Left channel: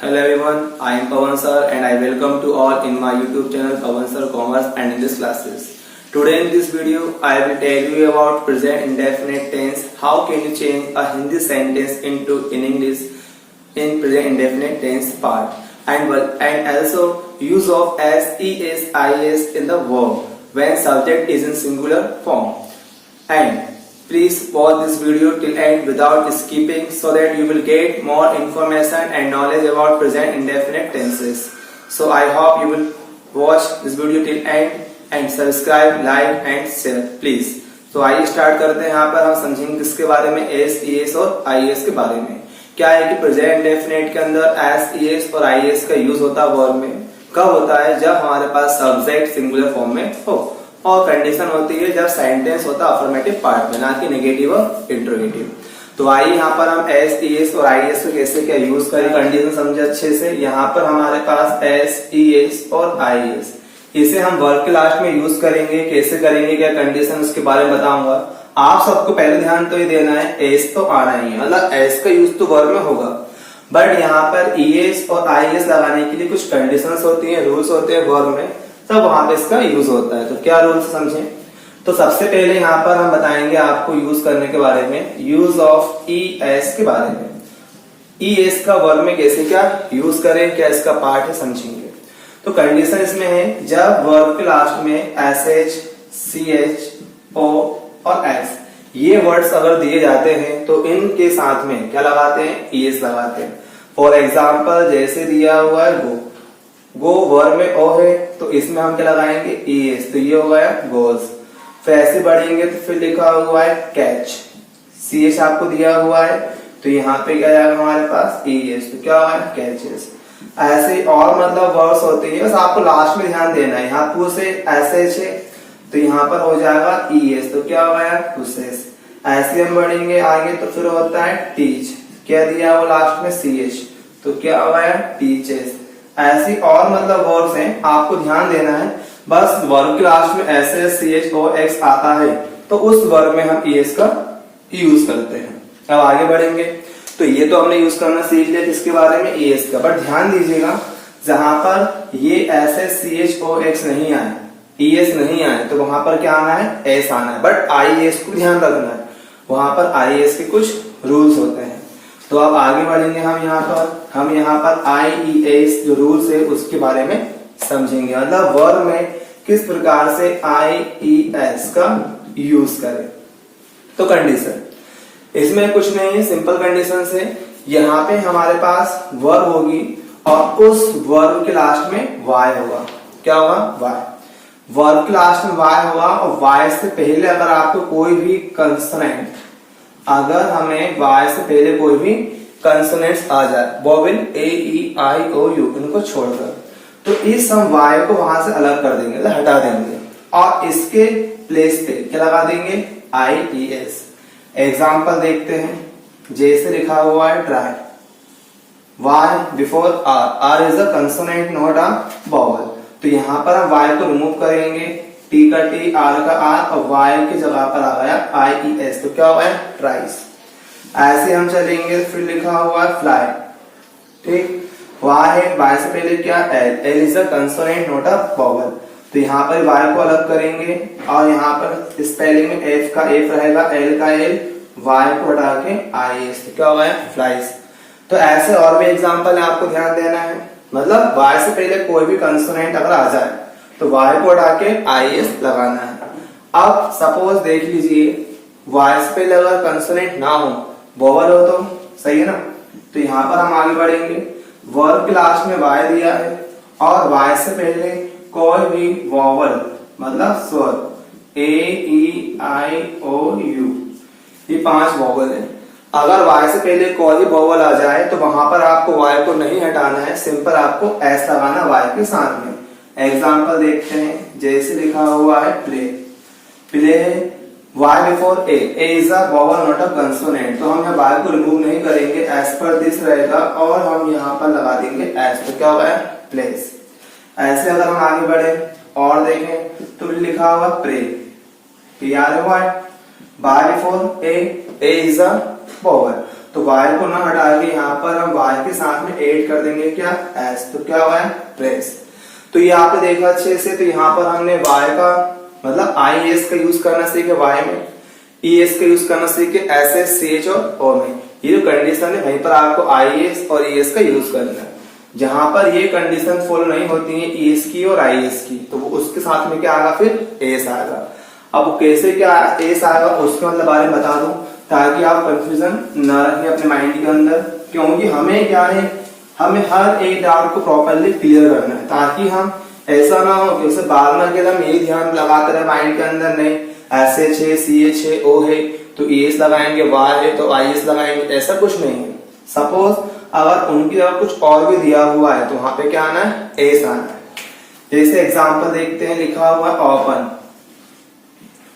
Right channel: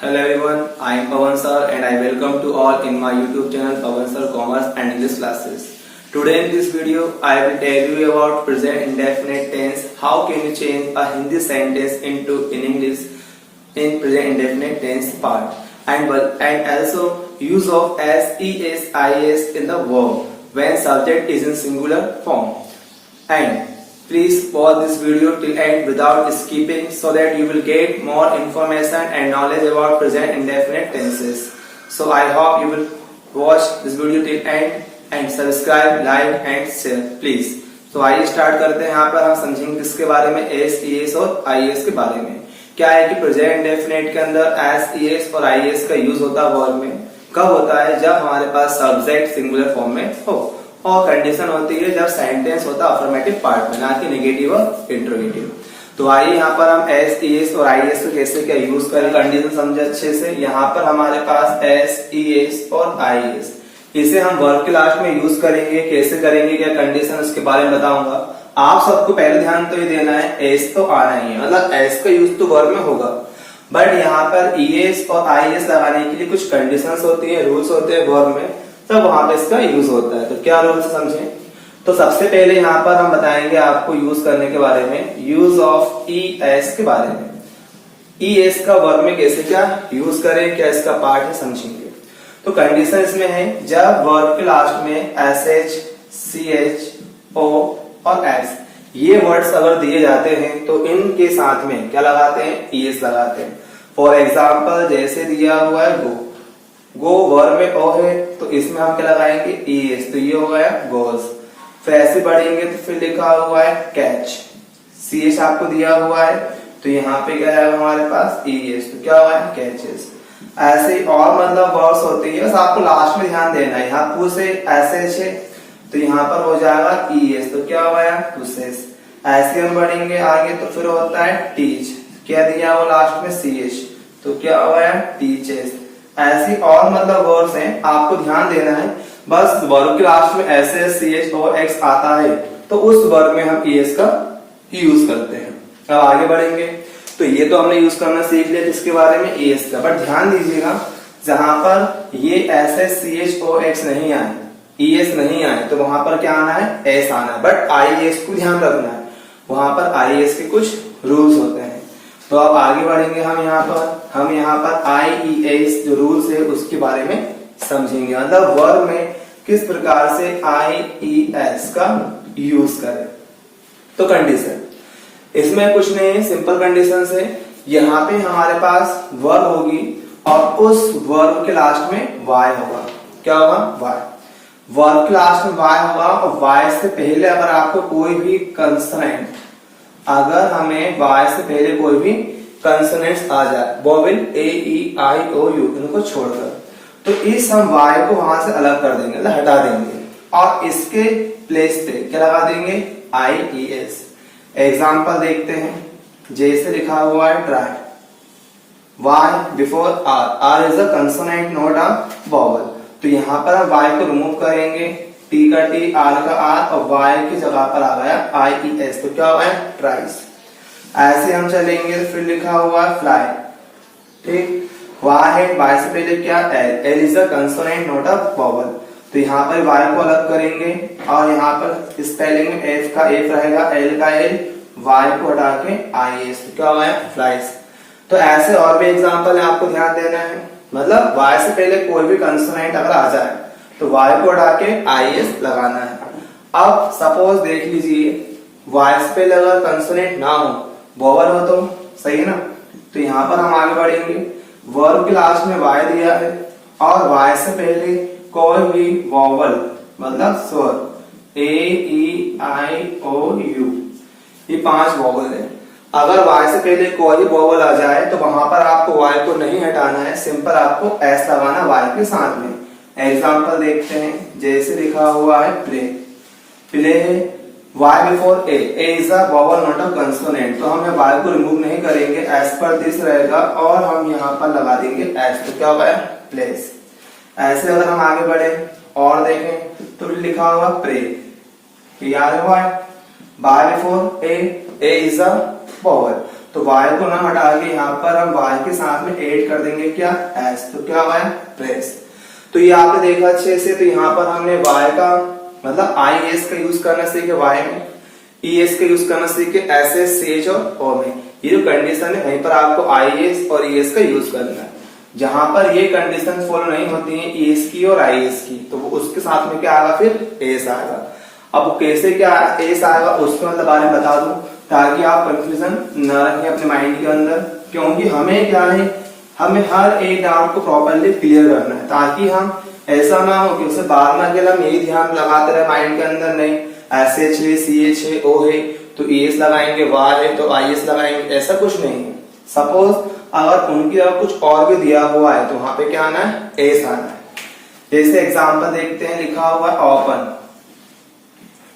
Hello everyone, I am Pawan sir and I welcome to all in my YouTube channel Pawan sir Commerce and English classes. Today in this video, I will tell you about present indefinite tense. How can you change a Hindi sentence into in English in present indefinite tense part, and also use of as, es, is in the verb when subject is in singular form. And please pause this video till end without skipping so that you will get more information and knowledge about present indefinite tenses. So I hope you will watch this video till end and subscribe, like and share please. तो आइए start करते हैं। यहाँ पर हम समझेंगे किसके बारे में, एस, ईएस और आईएएस के बारे में। क्या है कि प्रेजेंट इंडेफिनिट के अंदर एस, ईएस और आईएएस का यूज होता है वर्ब में। कब होता है? जब हमारे पास सब्जेक्ट सिंगुलर फॉर्म में हो, और कंडीशन होती है जब सेंटेंस होता है अफर्मेटिव पार्ट में, ना कि नेगेटिव और इंट्रोगेटिव। तो आइए यहाँ पर हम एस, ईएस और आईएएस को कैसे क्या यूज करें, कंडीशन समझे अच्छे से। यहाँ पर हमारे पास एस, ईएस और आईएएस, इसे हम वर्ब के लास्ट में यूज करेंगे। कैसे करेंगे, क्या कंडीशन, उसके बारे में बताऊंगा। आप सबको पहले ध्यान तो ये देना है, एस तो आना ही है, मतलब एस का यूज तो वर्ब में होगा, बट यहाँ पर ईएस और आईएएस लगाने के लिए कुछ कंडीशंस होती है, रूल्स होते हैं वर्ब में, तब वहां पर इसका यूज होता है। तो क्या रूल्स समझें। तो सबसे पहले यहाँ पर हम बताएंगे आपको यूज करने के बारे में, यूज ऑफ ई एस के बारे में। ई एस का वर्ब में कैसे क्या यूज करें, क्या इसका पार्ट है, समझेंगे। तो कंडीशन इसमें है जब वर्ब के लास्ट में एस एच, सी एच, ओ और एस ये वर्ड्स अगर दिए जाते हैं तो इनके साथ में क्या लगाते हैं, ई एस लगाते हैं। फॉर एग्जाम्पल जैसे दिया हुआ है गो, गो वर्ब में ओ है तो इसमें हम क्या लगाएंगे, ई एस, तो ये हो गया गोज। फिर ऐसे बढ़ेंगे तो फिर लिखा हुआ है कैच, सी एच आपको दिया हुआ है तो यहाँ पे क्या जाएगा हमारे पास, ई एस, तो क्या हुआ है कैचेस। ऐसे और मतलब वर्ड्स होते हैं, बस आपको लास्ट में ध्यान देना है। यहाँ पू से एस एच है तो यहाँ पर हो जाएगा ई एस, तो क्या हुआ है पुसेस। ऐसे हम बढ़ेंगे आगे तो फिर होता है टीच, क्या दिया हुआ लास्ट में सी एच, तो क्या हुआ है टीचेस। ऐसी और मतलब वर्ड्स हैं, आपको ध्यान देना है। बस वर्ब के लास्ट में एस एस, सी एच, ओ, एक्स आता है तो उस वर्ब में हम ई एस का यूज करते हैं। अब आगे बढ़ेंगे तो ये तो हमने यूज करना सीख लिया किसके बारे में, ई एस का। बट ध्यान दीजिएगा जहां पर ये एस एस, सी एच, ओ, एक्स नहीं आए, ई एस नहीं आए, तो वहां पर क्या आना है, एस आना है। बट आई एस को ध्यान रखना है, वहां पर आई एस के कुछ रूल्स होते हैं। तो अब आगे बढ़ेंगे हम यहाँ पर आई ई एस जो रूल्स है उसके बारे में समझेंगे, मतलब वर्ब में किस प्रकार से आई ई एस का यूज करें। तो कंडीशन इसमें कुछ नहीं, सिंपल कंडीशन है। यहाँ पे हमारे पास वर्ब होगी और उस वर्ब के लास्ट में वाई होगा। क्या होगा, वाई। वर्ब के लास्ट में वाई होगा और वाई से पहले अगर आपको कोई भी कंसोनेंट, अगर हमें वाई से पहले कोई भी कंसोनेंट्स आ जाए, vowel A, E, I, O, you, इनको छोड़कर, तो इस हम वाई को वहां से अलग कर देंगे, मतलब हटा देंगे और इसके प्लेस पे क्या लगा देंगे, आई ई एस। एग्जाम्पल देखते हैं, जैसे लिखा हुआ है try, Y before R, R is a consonant not a vowel, तो यहाँ पर हम वाई को रिमूव करेंगे, टी का टी, आर का आर और वाई की जगह पर आ गया आई ई एस, तो क्या हुआ है ट्राइस। ऐसे हम चलेंगे, फिर लिखा हुआ है फ्लाई, ठीक, वाई है, वाई से पहले क्या L, L is a consonant not a vowel, तो यहाँ पर वाई को अलग करेंगे और यहाँ पर स्पेलिंग में एफ का एफ रहेगा, एल का एल, वाई को हटा के आई एस, तो क्या हुआ है फ्लाइज। तो ऐसे और भी एग्जाम्पल है, आपको ध्यान देना है, मतलब वाई से पहले कोई भी कंसोनेंट अगर आ जाए तो वाई को हटा के आई एस लगाना है। अब सपोज देख लीजिए वाई से पहले अगर कंसोनेंट ना हो, वोवेल हो तो सही है ना, तो यहाँ पर हम आगे बढ़ेंगे। वर्ब के लास्ट में वाई दिया है और वाई से पहले कोई भी वोवेल मतलब स्वर ए, ई, आई, ओ, यू, ये 5 वोवेल है। अगर वाई से पहले कोई भी वोवेल आ जाए तो वहां पर आपको वाई को नहीं हटाना है, सिंपल आपको एस लगाना वाई के साथ में। एग्जाम्पल देखते हैं, जैसे लिखा हुआ है प्ले, प्ले है Y before A, A is a vowel not a consonant, तो हम वाई को रिमूव नहीं करेंगे, एस पर दिस रहेगा और हम यहाँ पर लगा देंगे एस, तो क्या होगा प्लेस। ऐसे अगर हम आगे बढ़े और देखें तो लिखा हुआ प्रे, याद हुआ है, Y before A, A is a vowel, तो y को ना हटा के यहाँ पर हम y के साथ में ऐड कर देंगे क्या, s। तो क्या हुआ है, प्रेस। तो ये आपने देखा अच्छे से। तो यहाँ पर हमने y का मतलब IS का यूज करना सीखे y में, ES का यूज करना सीखे SS, CH और O में। ये जो कंडीशन है वहीं पर आपको IS और ES का यूज करना है। जहां पर ये कंडीशन फॉलो नहीं होती है ES की और IS की, तो वो उसके साथ में क्या आएगा, फिर S आएगा। अब कैसे क्या S आएगा उसके मतलब बारे में बता दूं, ताकि आप कंफ्यूजन न रखें अपने माइंड के अंदर। क्योंकि हमें क्या है, हमें हर एक डाउट को प्रॉपरली क्लियर करना है, ताकि हम ऐसा ना हो कि उसे बार बार के हम यही ध्यान लगाते रहे माइंड के अंदर, नहीं SH है, CH है, O है तो ES लगाएंगे, Y है तो IS लगाएंगे, ऐसा कुछ नहीं है। सपोज अगर उनकी जगह कुछ और भी दिया हुआ है तो वहां पे क्या आना है, S आना है। जैसे एग्जांपल देखते हैं, लिखा हुआ है ओपन।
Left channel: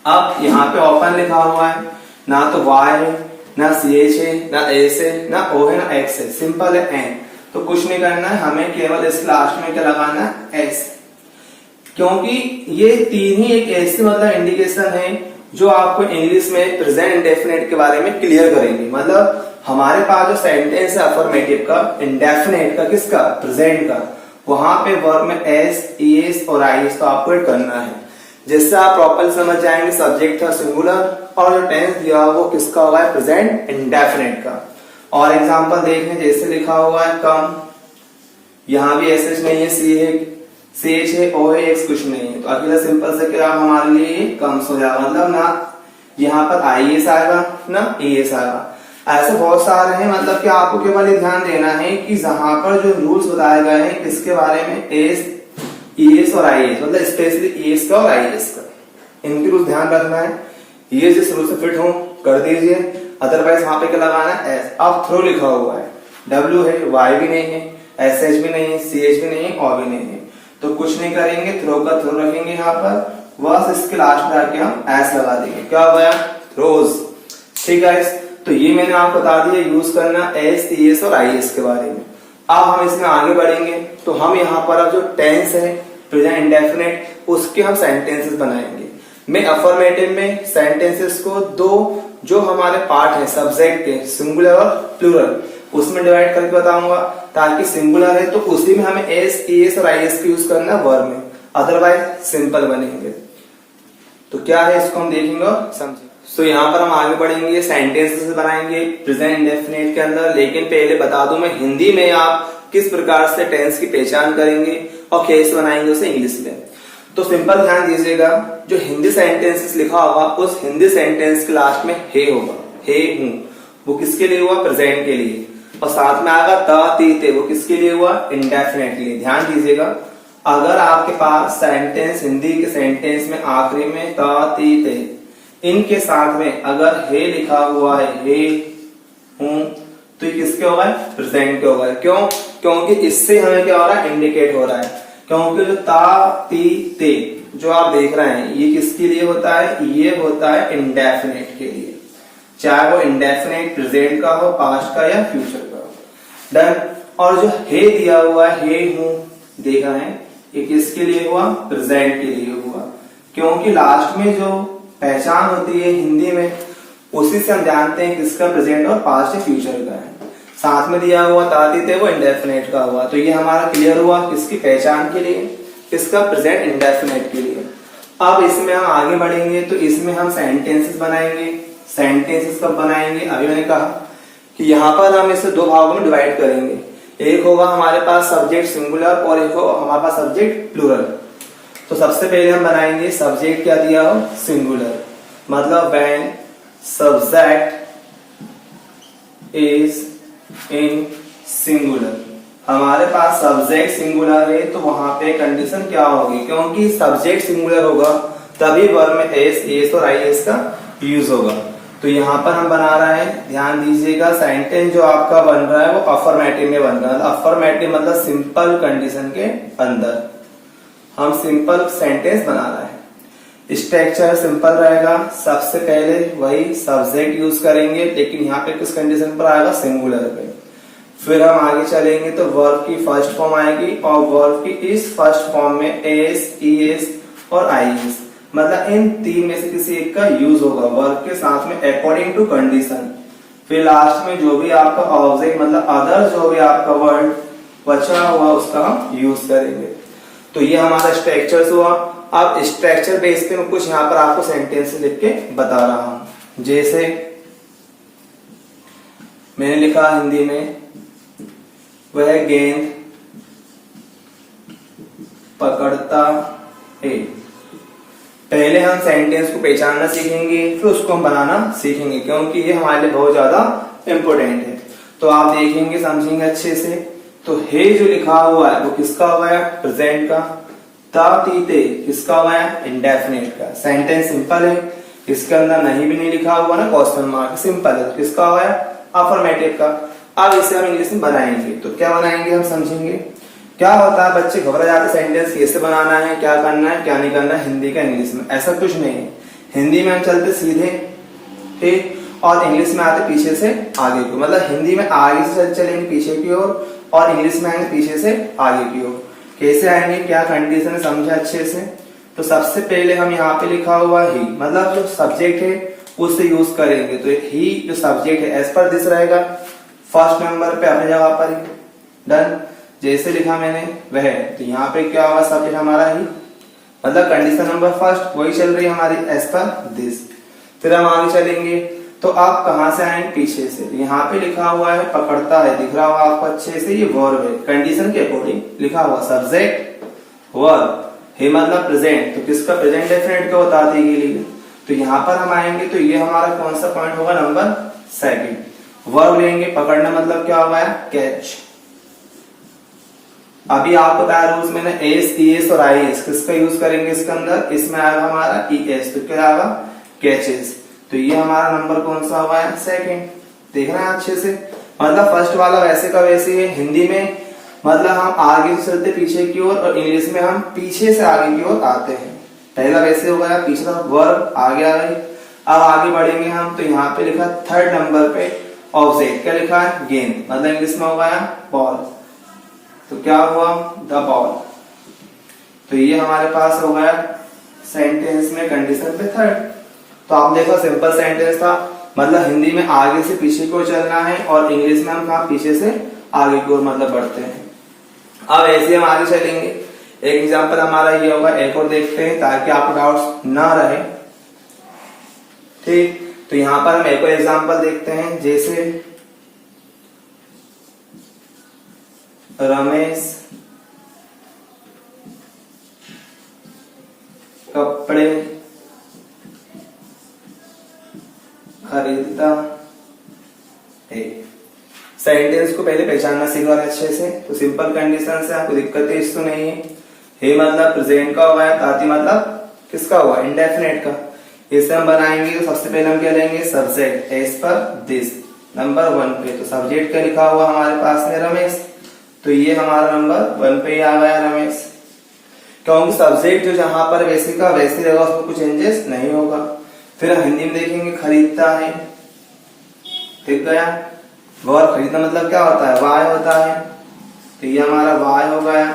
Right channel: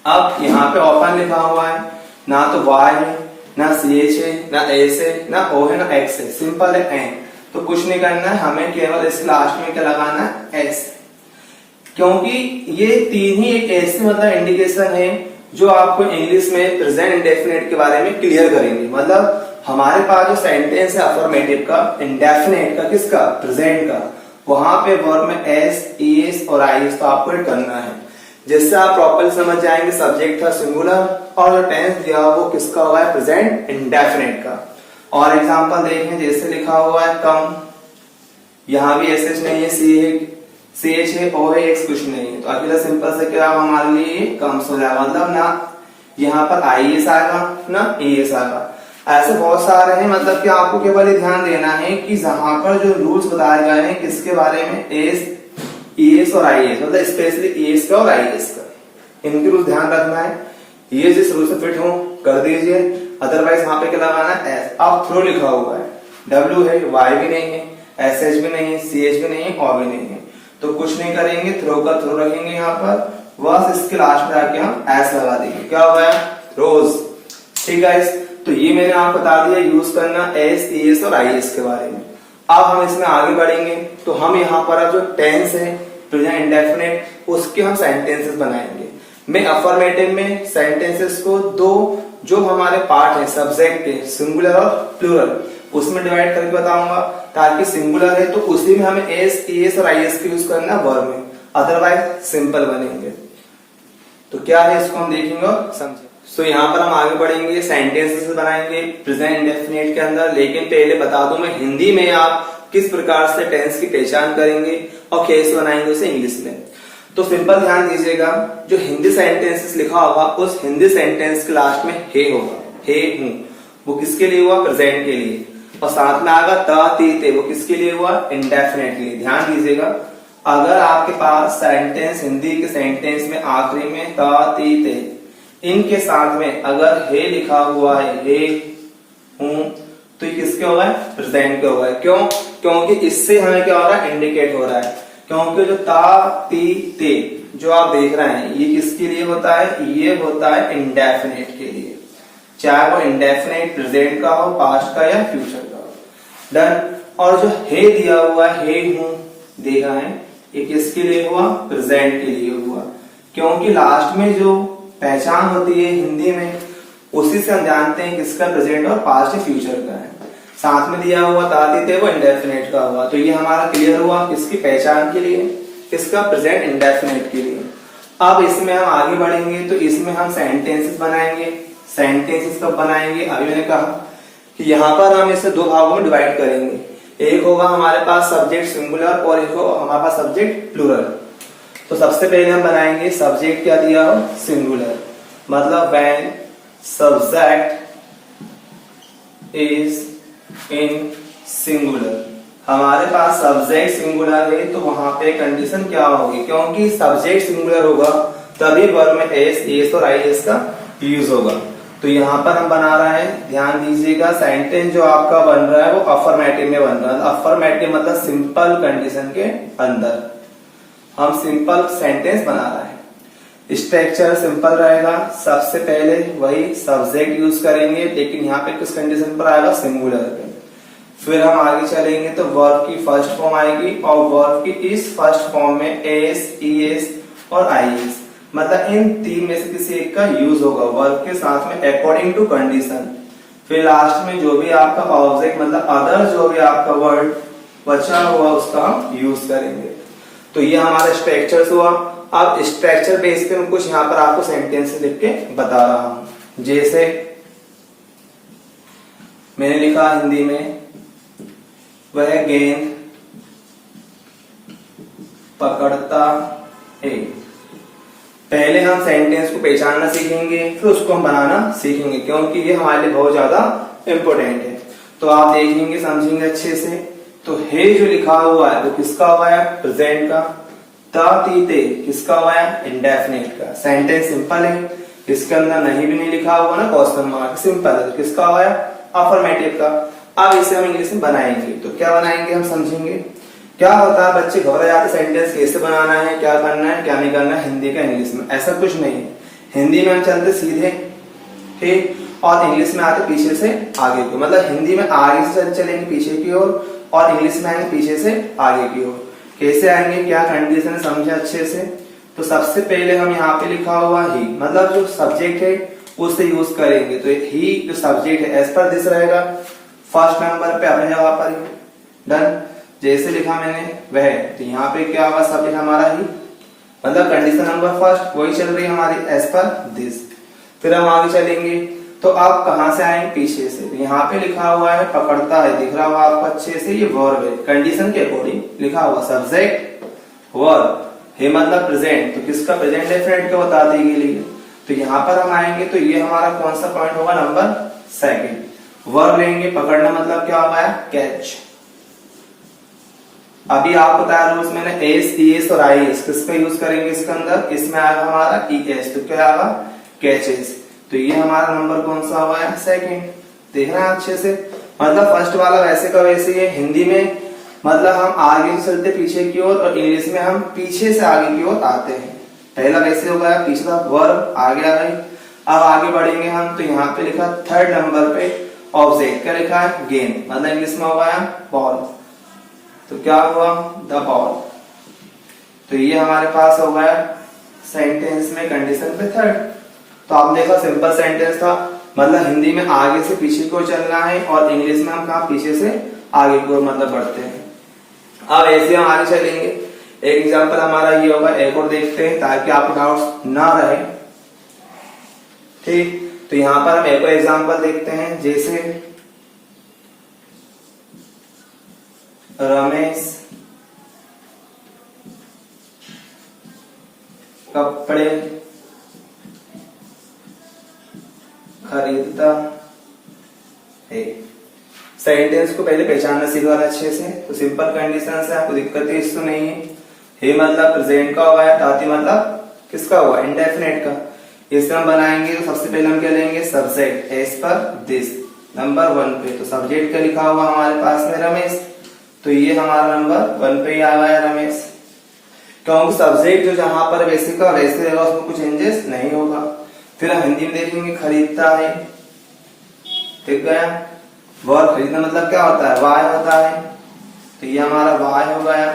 अब यहाँ पे ओपन लिखा हुआ है, ना तो Y है, ना CH है, ना S है, ना O है, ना X है, सिंपल है N। तो कुछ नहीं करना है, हमें केवल इस लास्ट में क्या लगाना है, S। क्योंकि ये तीन ही एक ऐसे मतलब इंडिकेशन है जो आपको इंग्लिश में प्रेजेंट इंडेफिनिट के बारे में क्लियर करेंगे। मतलब हमारे पास जो सेंटेंस है अफर्मेटिव का, इंडेफिनिट का, किसका, प्रेजेंट का, वहां पे वर्ब में एस, ES और IS तो आपको करना है, जिससे आप प्रॉपर समझ जाएंगे सब्जेक्ट था सिंगुलर और जो टेंस दिया वो किसका होगा, प्रेजेंट इंडेफिनिट का। और एग्जांपल देखें, जैसे लिखा हुआ है कम, यहाँ भी SH नहीं है, C है, CH है, O है, X कुछ नहीं है, तो अकेला सिंपल से क्या हमारे लिए कम्स हो जाएगा। मतलब ना यहाँ पर IS आएगा ना ES आएगा। ऐसे बहुत सारे हैं, मतलब कि आपको केवल ये ध्यान देना है कि जहां पर जो रूल्स बताए गए हैं किसके बारे में, एस, ES और IS, मतलब स्पेशली ES का और IS का, इनके रूल ध्यान रखना है। ये जिस रूल से फिट हो कर दीजिए, अदरवाइज वहां पे क्या लगाना है, S। अब थ्रो लिखा हुआ है, W है, Y भी नहीं है, SH भी नहीं है, CH भी नहीं है, O भी नहीं है, तो कुछ नहीं करेंगे, थ्रो का थ्रो रखेंगे यहाँ पर, बस इसके लास्ट में आके हम S लगा देंगे, क्या हुआ, थ्रोज। ठीक है, तो ये मैंने आपको बता दिया यूज करना S, ES और IS के बारे में। अब हम इसमें आगे बढ़ेंगे, तो हम यहाँ पर अब जो टेंस है प्रेजेंट इंडेफिनिट, उसके हम सेंटेंसेस बनाएंगे। मैं अफर्मेटिव में सेंटेंसेस को दो जो हमारे पार्ट है सब्जेक्ट के, सिंगुलर और प्लूरल, उसमें डिवाइड करके बताऊंगा, ताकि सिंगुलर है तो उसी में हमें S, ES और IS का यूज करना वर्ब में, अदरवाइज सिंपल बनेंगे। तो क्या है इसको हम देखेंगे और समझेंगे। तो यहाँ पर हम आगे बढ़ेंगे, सेंटेंसेस बनाएंगे प्रेजेंट इंडेफिनिट के अंदर। लेकिन पहले बता दूं मैं, हिंदी में आप किस प्रकार से टेंस की पहचान करेंगे और कैसे बनाएंगे उसे इंग्लिश में। तो सिंपल ध्यान दीजिएगा, जो हिंदी सेंटेंसेस लिखा होगा उस हिंदी सेंटेंस के लास्ट में हे होगा, हे हूं, वो किसके लिए हुआ, प्रेजेंट के लिए। और साथ में आएगा त, ती, ते, वो किसके लिए हुआ, इंडेफिनिट के लिए। ध्यान दीजिएगा, अगर आपके पास सेंटेंस हिंदी के सेंटेंस में आखिरी में त, ती, ते, इनके साथ में अगर हे लिखा हुआ है, हे हूं, तो ये किसके होगा, प्रेजेंट के होगा। क्यों, क्योंकि इससे हमें क्या हो रहा है, इंडिकेट हो रहा है। क्योंकि जो ता, ती, ते जो आप देख रहे हैं ये किसके लिए होता है, ये होता है इंडेफिनिट के लिए, चाहे वो इंडेफिनिट प्रेजेंट का हो, पास्ट का या फ्यूचर का हो। डन। और जो हे दिया हुआ है, हे हूं, देख रहे हैं, ये किसके लिए हुआ, प्रेजेंट के लिए हुआ। क्योंकि लास्ट में जो पहचान होती है हिंदी में, उसी से हम जानते हैं किसका प्रेजेंट और पास्ट फ्यूचर का है। साथ में दिया हुआ ताती थे वो इंडेफिनिट का हुआ, तो ये हमारा क्लियर हुआ किसकी पहचान के लिए, किसका, प्रेजेंट इंडेफिनिट के लिए। अब इसमें हम आगे बढ़ेंगे, तो इसमें हम सेंटेंसेस बनाएंगे। सेंटेंसेस कब बनाएंगे, अभी मैंने कहा कि यहाँ पर हम इसे दो भागों में डिवाइड करेंगे। एक होगा हमारे पास सब्जेक्ट सिंगुलर और एक होगा हमारे पास सब्जेक्ट प्लूरल। तो सबसे पहले हम बनाएंगे सब्जेक्ट क्या दिया हो, सिंगुलर, मतलब when subject is in singular. हमारे पास सब्जेक्ट सिंगुलर है तो वहां पे कंडीशन क्या होगी, क्योंकि सब्जेक्ट सिंगुलर होगा तभी वर्ब में एस, ES और IS का यूज होगा। तो यहाँ पर हम बना रहे हैं, ध्यान दीजिएगा, सेंटेंस जो आपका बन रहा है वो अफर्मेटिव में बन रहा है। अफर्मेटिव मतलब सिंपल कंडीशन के अंदर हम सिंपल सेंटेंस बना रहे हैं। स्ट्रक्चर सिंपल रहेगा, सबसे पहले वही सब्जेक्ट यूज करेंगे, लेकिन यहाँ पे किस कंडीशन पर आएगा, सिंगुलर पे। फिर हम आगे चलेंगे तो वर्ब की फर्स्ट फॉर्म आएगी और वर्ब की इस फर्स्ट फॉर्म में एस, ES और IS, मतलब इन तीन में से किसी एक का यूज होगा वर्ब के साथ में अकॉर्डिंग टू कंडीशन। फिर लास्ट में जो भी आपका ऑब्जेक्ट मतलब अदर जो भी आपका वर्ड बचा हुआ उसका हम यूज करेंगे। तो ये हमारा स्ट्रक्चर हुआ। अब स्ट्रक्चर बेस पे मैं कुछ यहाँ पर आपको सेंटेंस लिख के बता रहा हूं। जैसे मैंने लिखा हिंदी में, वह गेंद पकड़ता है। पहले हम सेंटेंस को पहचानना सीखेंगे, फिर उसको हम बनाना सीखेंगे, क्योंकि ये हमारे लिए बहुत ज्यादा इंपॉर्टेंट है। तो आप देखेंगे, समझेंगे अच्छे से। तो हे जो लिखा हुआ है वो किसका हुआ है? प्रेजेंट का। तीते किसका हुआ है? इंडेफिनिट का। सेंटेंस सिंपल है, इसके अंदर नहीं भी नहीं लिखा हुआ ना क्वेश्चन मार्क, सिंपल है। तो किसका हुआ है? अफर्मेटिव का। अब इसे हम इंग्लिश में बनाएंगे। तो क्या बनाएंगे हम समझेंगे। क्या होता है, बच्चे घबरा जाते, सेंटेंस कैसे बनाना है, क्या करना है, क्या नहीं करना है हिंदी का इंग्लिश में। ऐसा कुछ नहीं है। हिंदी में हम चलते सीधे, ठीक, और इंग्लिश में आते पीछे से आगे की। मतलब हिंदी में आगे से चलेंगे पीछे की ओर, और इंग्लिश में आएंगे पीछे से आगे की ओर। कैसे आएंगे, क्या कंडीशन है, समझे अच्छे से। तो सबसे पहले हम यहाँ पे लिखा हुआ ही, मतलब जो सब्जेक्ट है उससे यूज करेंगे। तो ही जो सब्जेक्ट है एज पर दिस रहेगा, फर्स्ट नंबर पे अपनी जगह पर। डन। जैसे लिखा मैंने वह, तो यहाँ पे क्या होगा, सब्जेक्ट हमारा ही, मतलब कंडीशन नंबर फर्स्ट वही चल रही है हमारी, एज पर दिस। फिर हम आगे चलेंगे। तो आप कहां से आएंगे? पीछे से। यहाँ पे लिखा हुआ है पकड़ता है, दिख रहा होगा आपको अच्छे से, ये वर्ब है। कंडीशन के अकॉर्डिंग लिखा हुआ सब्जेक्ट वर्ब है, मतलब प्रेजेंट। तो किसका? प्रेजेंट डेफिनेट का बताते के लिए। तो यहाँ पर हम आएंगे तो ये हमारा कौन सा पॉइंट होगा? Number second. वर्ब लेंगे, पकड़ना मतलब क्या होगा? कैच। अभी आपको बताया रूल्स मैंने, एस, ईएस और आईएस किसका यूज करेंगे इसके अंदर? इसमें आएगा हमारा ईएस, तो क्या आएगा? कैचेस। तो ये हमारा नंबर कौन सा हुआ है? सेकंड। देखना है अच्छे से। मतलब फर्स्ट वाला वैसे का वैसे है। हिंदी में मतलब हम आगे से चलते पीछे की ओर, और इंग्लिश में हम पीछे से आगे की ओर आते हैं। पहला वैसे हो गया, पिछला वर्ब आगे आ गई। अब आगे बढ़ेंगे हम, तो यहाँ पे लिखा थर्ड नंबर पे ऑब्जेक्ट, क्या लिखा है? गेंद, मतलब इंग्लिश में हो गया बॉल। तो क्या हुआ? The ball. तो ये हमारे पास हो गया सेंटेंस में कंडीशन पे थर्ड। तो आप देखो सिंपल सेंटेंस था, मतलब हिंदी में आगे से पीछे को चलना है, और इंग्लिश में हम कहा पीछे से आगे की ओर मतलब बढ़ते हैं। अब ऐसे हम आगे चलेंगे। एक एग्जांपल हमारा ये होगा, एक और देखते हैं ताकि आपको डाउट्स ना रहे, ठीक। तो यहाँ पर हम एक और एग्जांपल देखते हैं। जैसे रमेश कपड़े खरीदता है। सेंटेंस को पहले पहचानना सीखा अच्छे से। तो सिंपल कंडीशन से आपको दिक्कत इस तो नहीं है। हे मतलब प्रेजेंट का हुआ है, ताती मतलब किसका हुआ? इंडेफिनिट का। इसे हम बनाएंगे तो सबसे पहले हम क्या लेंगे? Subject, as per this, number 1 पे। तो सब्जेक्ट क्या लिखा हुआ हमारे पास में? रमेश। तो ये हमारा नंबर 1 पे ही आ गया रमेश, क्योंकि सब्जेक्ट जो जहां पर वैसे का वैसे रहेगा, उसमें कुछ चेंजेस नहीं होगा। फिर हम हिंदी में देखेंगे खरीदता है, ठीक गया। वर्ब खरीदना मतलब क्या होता है? वाय होता है। तो ये हमारा वाय हो गया,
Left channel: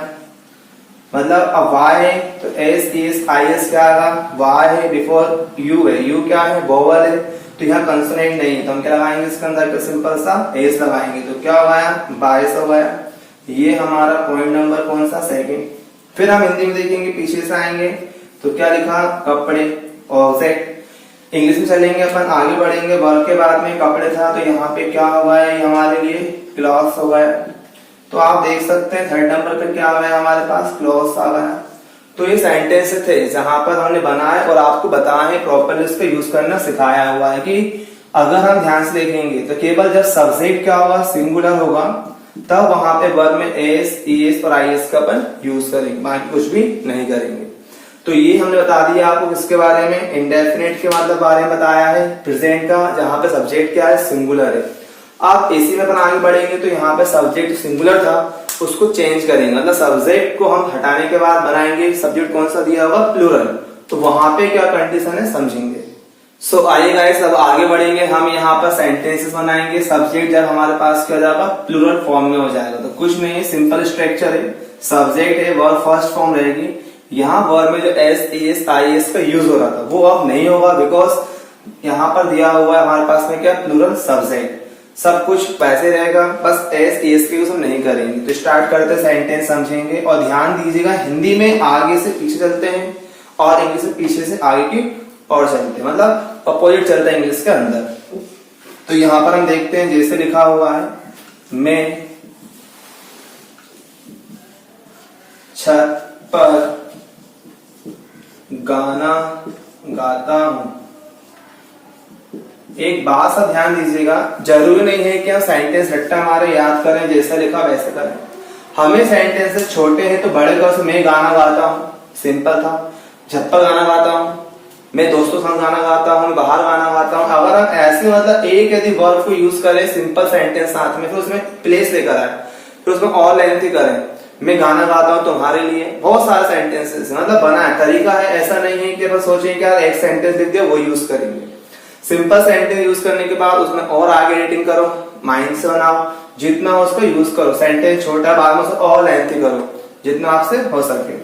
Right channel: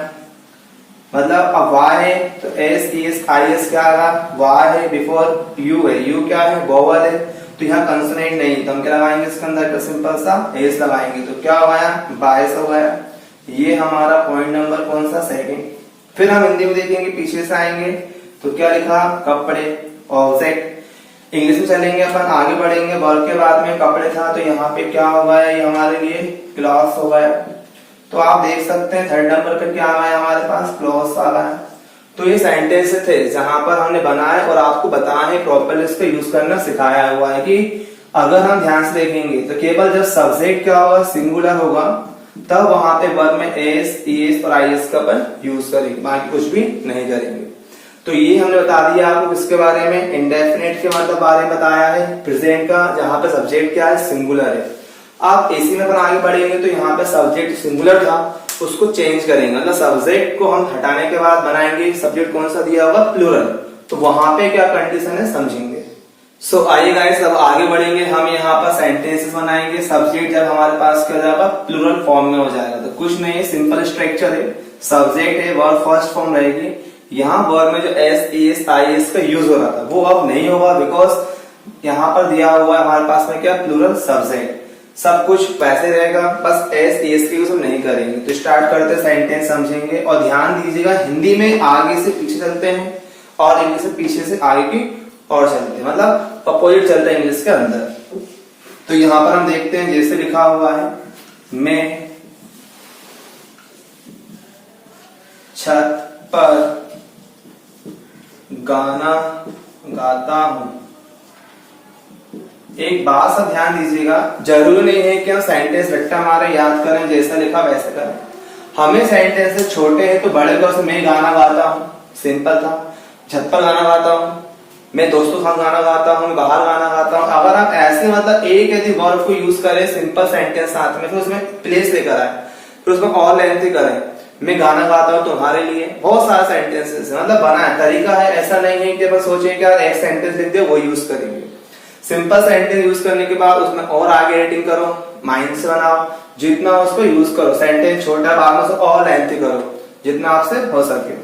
मतलब अब वाय है तो एस एस आई एस क्या आएगा? वाय है, बिफोर यू है, यू क्या है? वोवल है। तो यहाँ कंसोनेंट नहीं, तो हम क्या लगाएंगे इसके अंदर? तो सिंपल सा एस लगाएंगे। तो क्या हो गया? बायस हो गया। ये हमारा पॉइंट नंबर कौन सा? सेकंड। फिर हम हिंदी में देखेंगे, पीछे से आएंगे तो क्या लिखा? कपड़े, ऑब्जेक्ट। इंग्लिश में चलेंगे अपन, आगे बढ़ेंगे, वर्ब के बाद में कपड़े था, तो यहाँ पे क्या हो गया? ये हमारे लिए क्लॉथ्स हो गया। तो आप देख सकते हैं थर्ड नंबर पे क्या आ गया हमारे पास? क्लॉथ्स आ गया। तो ये सेंटेंस थे जहां पर हमने बनाए और आपको बताया है, प्रॉपरली इसको यूज करना सिखाया हुआ है कि अगर हम ध्यान से देखेंगे तो केवल जब सब्जेक्ट क्या होगा? सिंगुलर होगा, तब वहां पे वर्ब में एस, ईएस और आईएस का अपन यूज करेंगे, बाकी कुछ भी नहीं करेंगे। तो ये हमने बता दिया आपको किसके बारे में? इंडेफिनिट के मतलब बारे में बताया है, प्रेजेंट का, जहां पे सब्जेक्ट क्या है? सिंगुलर है। आप इसी में अपन आगे बढ़ेंगे तो यहाँ पे सब्जेक्ट सिंगुलर था, उसको चेंज करेंगे, मतलब सब्जेक्ट को हम हटाने के बाद बनाएंगे सब्जेक्ट कौन सा दिया होगा? प्लूरल। तो वहां पे क्या कंडीशन है समझेंगे। सो आइए गाइस, अब आगे बढ़ेंगे। हम यहाँ पर सेंटेंसेस बनाएंगे। सब्जेक्ट जब हमारे पास क्या जाएगा? प्लूरल फॉर्म में हो जाएगा। तो कुछ नहीं है, सिंपल स्ट्रक्चर है। सब्जेक्ट है, वर्ब फर्स्ट फॉर्म रहेगी। यहाँ वर्ब में जो एस, एस, आई एस का यूज हो रहा था वो अब नहीं होगा, बिकॉज यहाँ पर दिया हुआ है हमारे पास में क्या, प्लूरल सब्जेक्ट। सब कुछ वैसे रहेगा, बस एस एस की यूज हम नहीं करेंगे। तो स्टार्ट करते हैं, सेंटेंस समझेंगे और ध्यान दीजिएगा हिंदी में आगे से पीछे चलते हैं और इंग्लिश से पीछे से आगे की और चलते हैं, मतलब अपोजिट चलता है इंग्लिश के अंदर। तो यहाँ पर हम देखते हैं जैसे लिखा हुआ है, मैं छत पर गाना गाता हूं। एक बात सब ध्यान दीजिएगा, जरूरी नहीं है कि हम सेंटेंस रट्टा मारे याद करें, जैसा लिखा वैसे करें। हमें सेंटेंस छोटे हैं तो बड़े को मैं गाना गाता हूँ, सिंपल था। छत पर गाना गाता हूँ, मैं दोस्तों के साथ गाना गाता हूँ, बाहर गाना गाता हूँ। अगर हम ऐसे मतलब एक यदि वर्ब को यूज करें सिंपल सेंटेंस साथ में, फिर उसमें प्लेस लेकर आए, फिर उसको और लेंथी करें, मैं गाना गाता हूँ तुम्हारे लिए, बहुत सारे सेंटेंसेस मतलब बना है, तरीका है। ऐसा नहीं है कि बस सोचें कि एक सेंटेंस लिख दिया वो यूज करेंगे। सिंपल सेंटेंस यूज करने के बाद उसमें और आगे एडिटिंग करो, माइंड से बनाओ, जितना उसको यूज करो। सेंटेंस छोटा बाद में उसको और लेंथी करो जितना आपसे हो सके।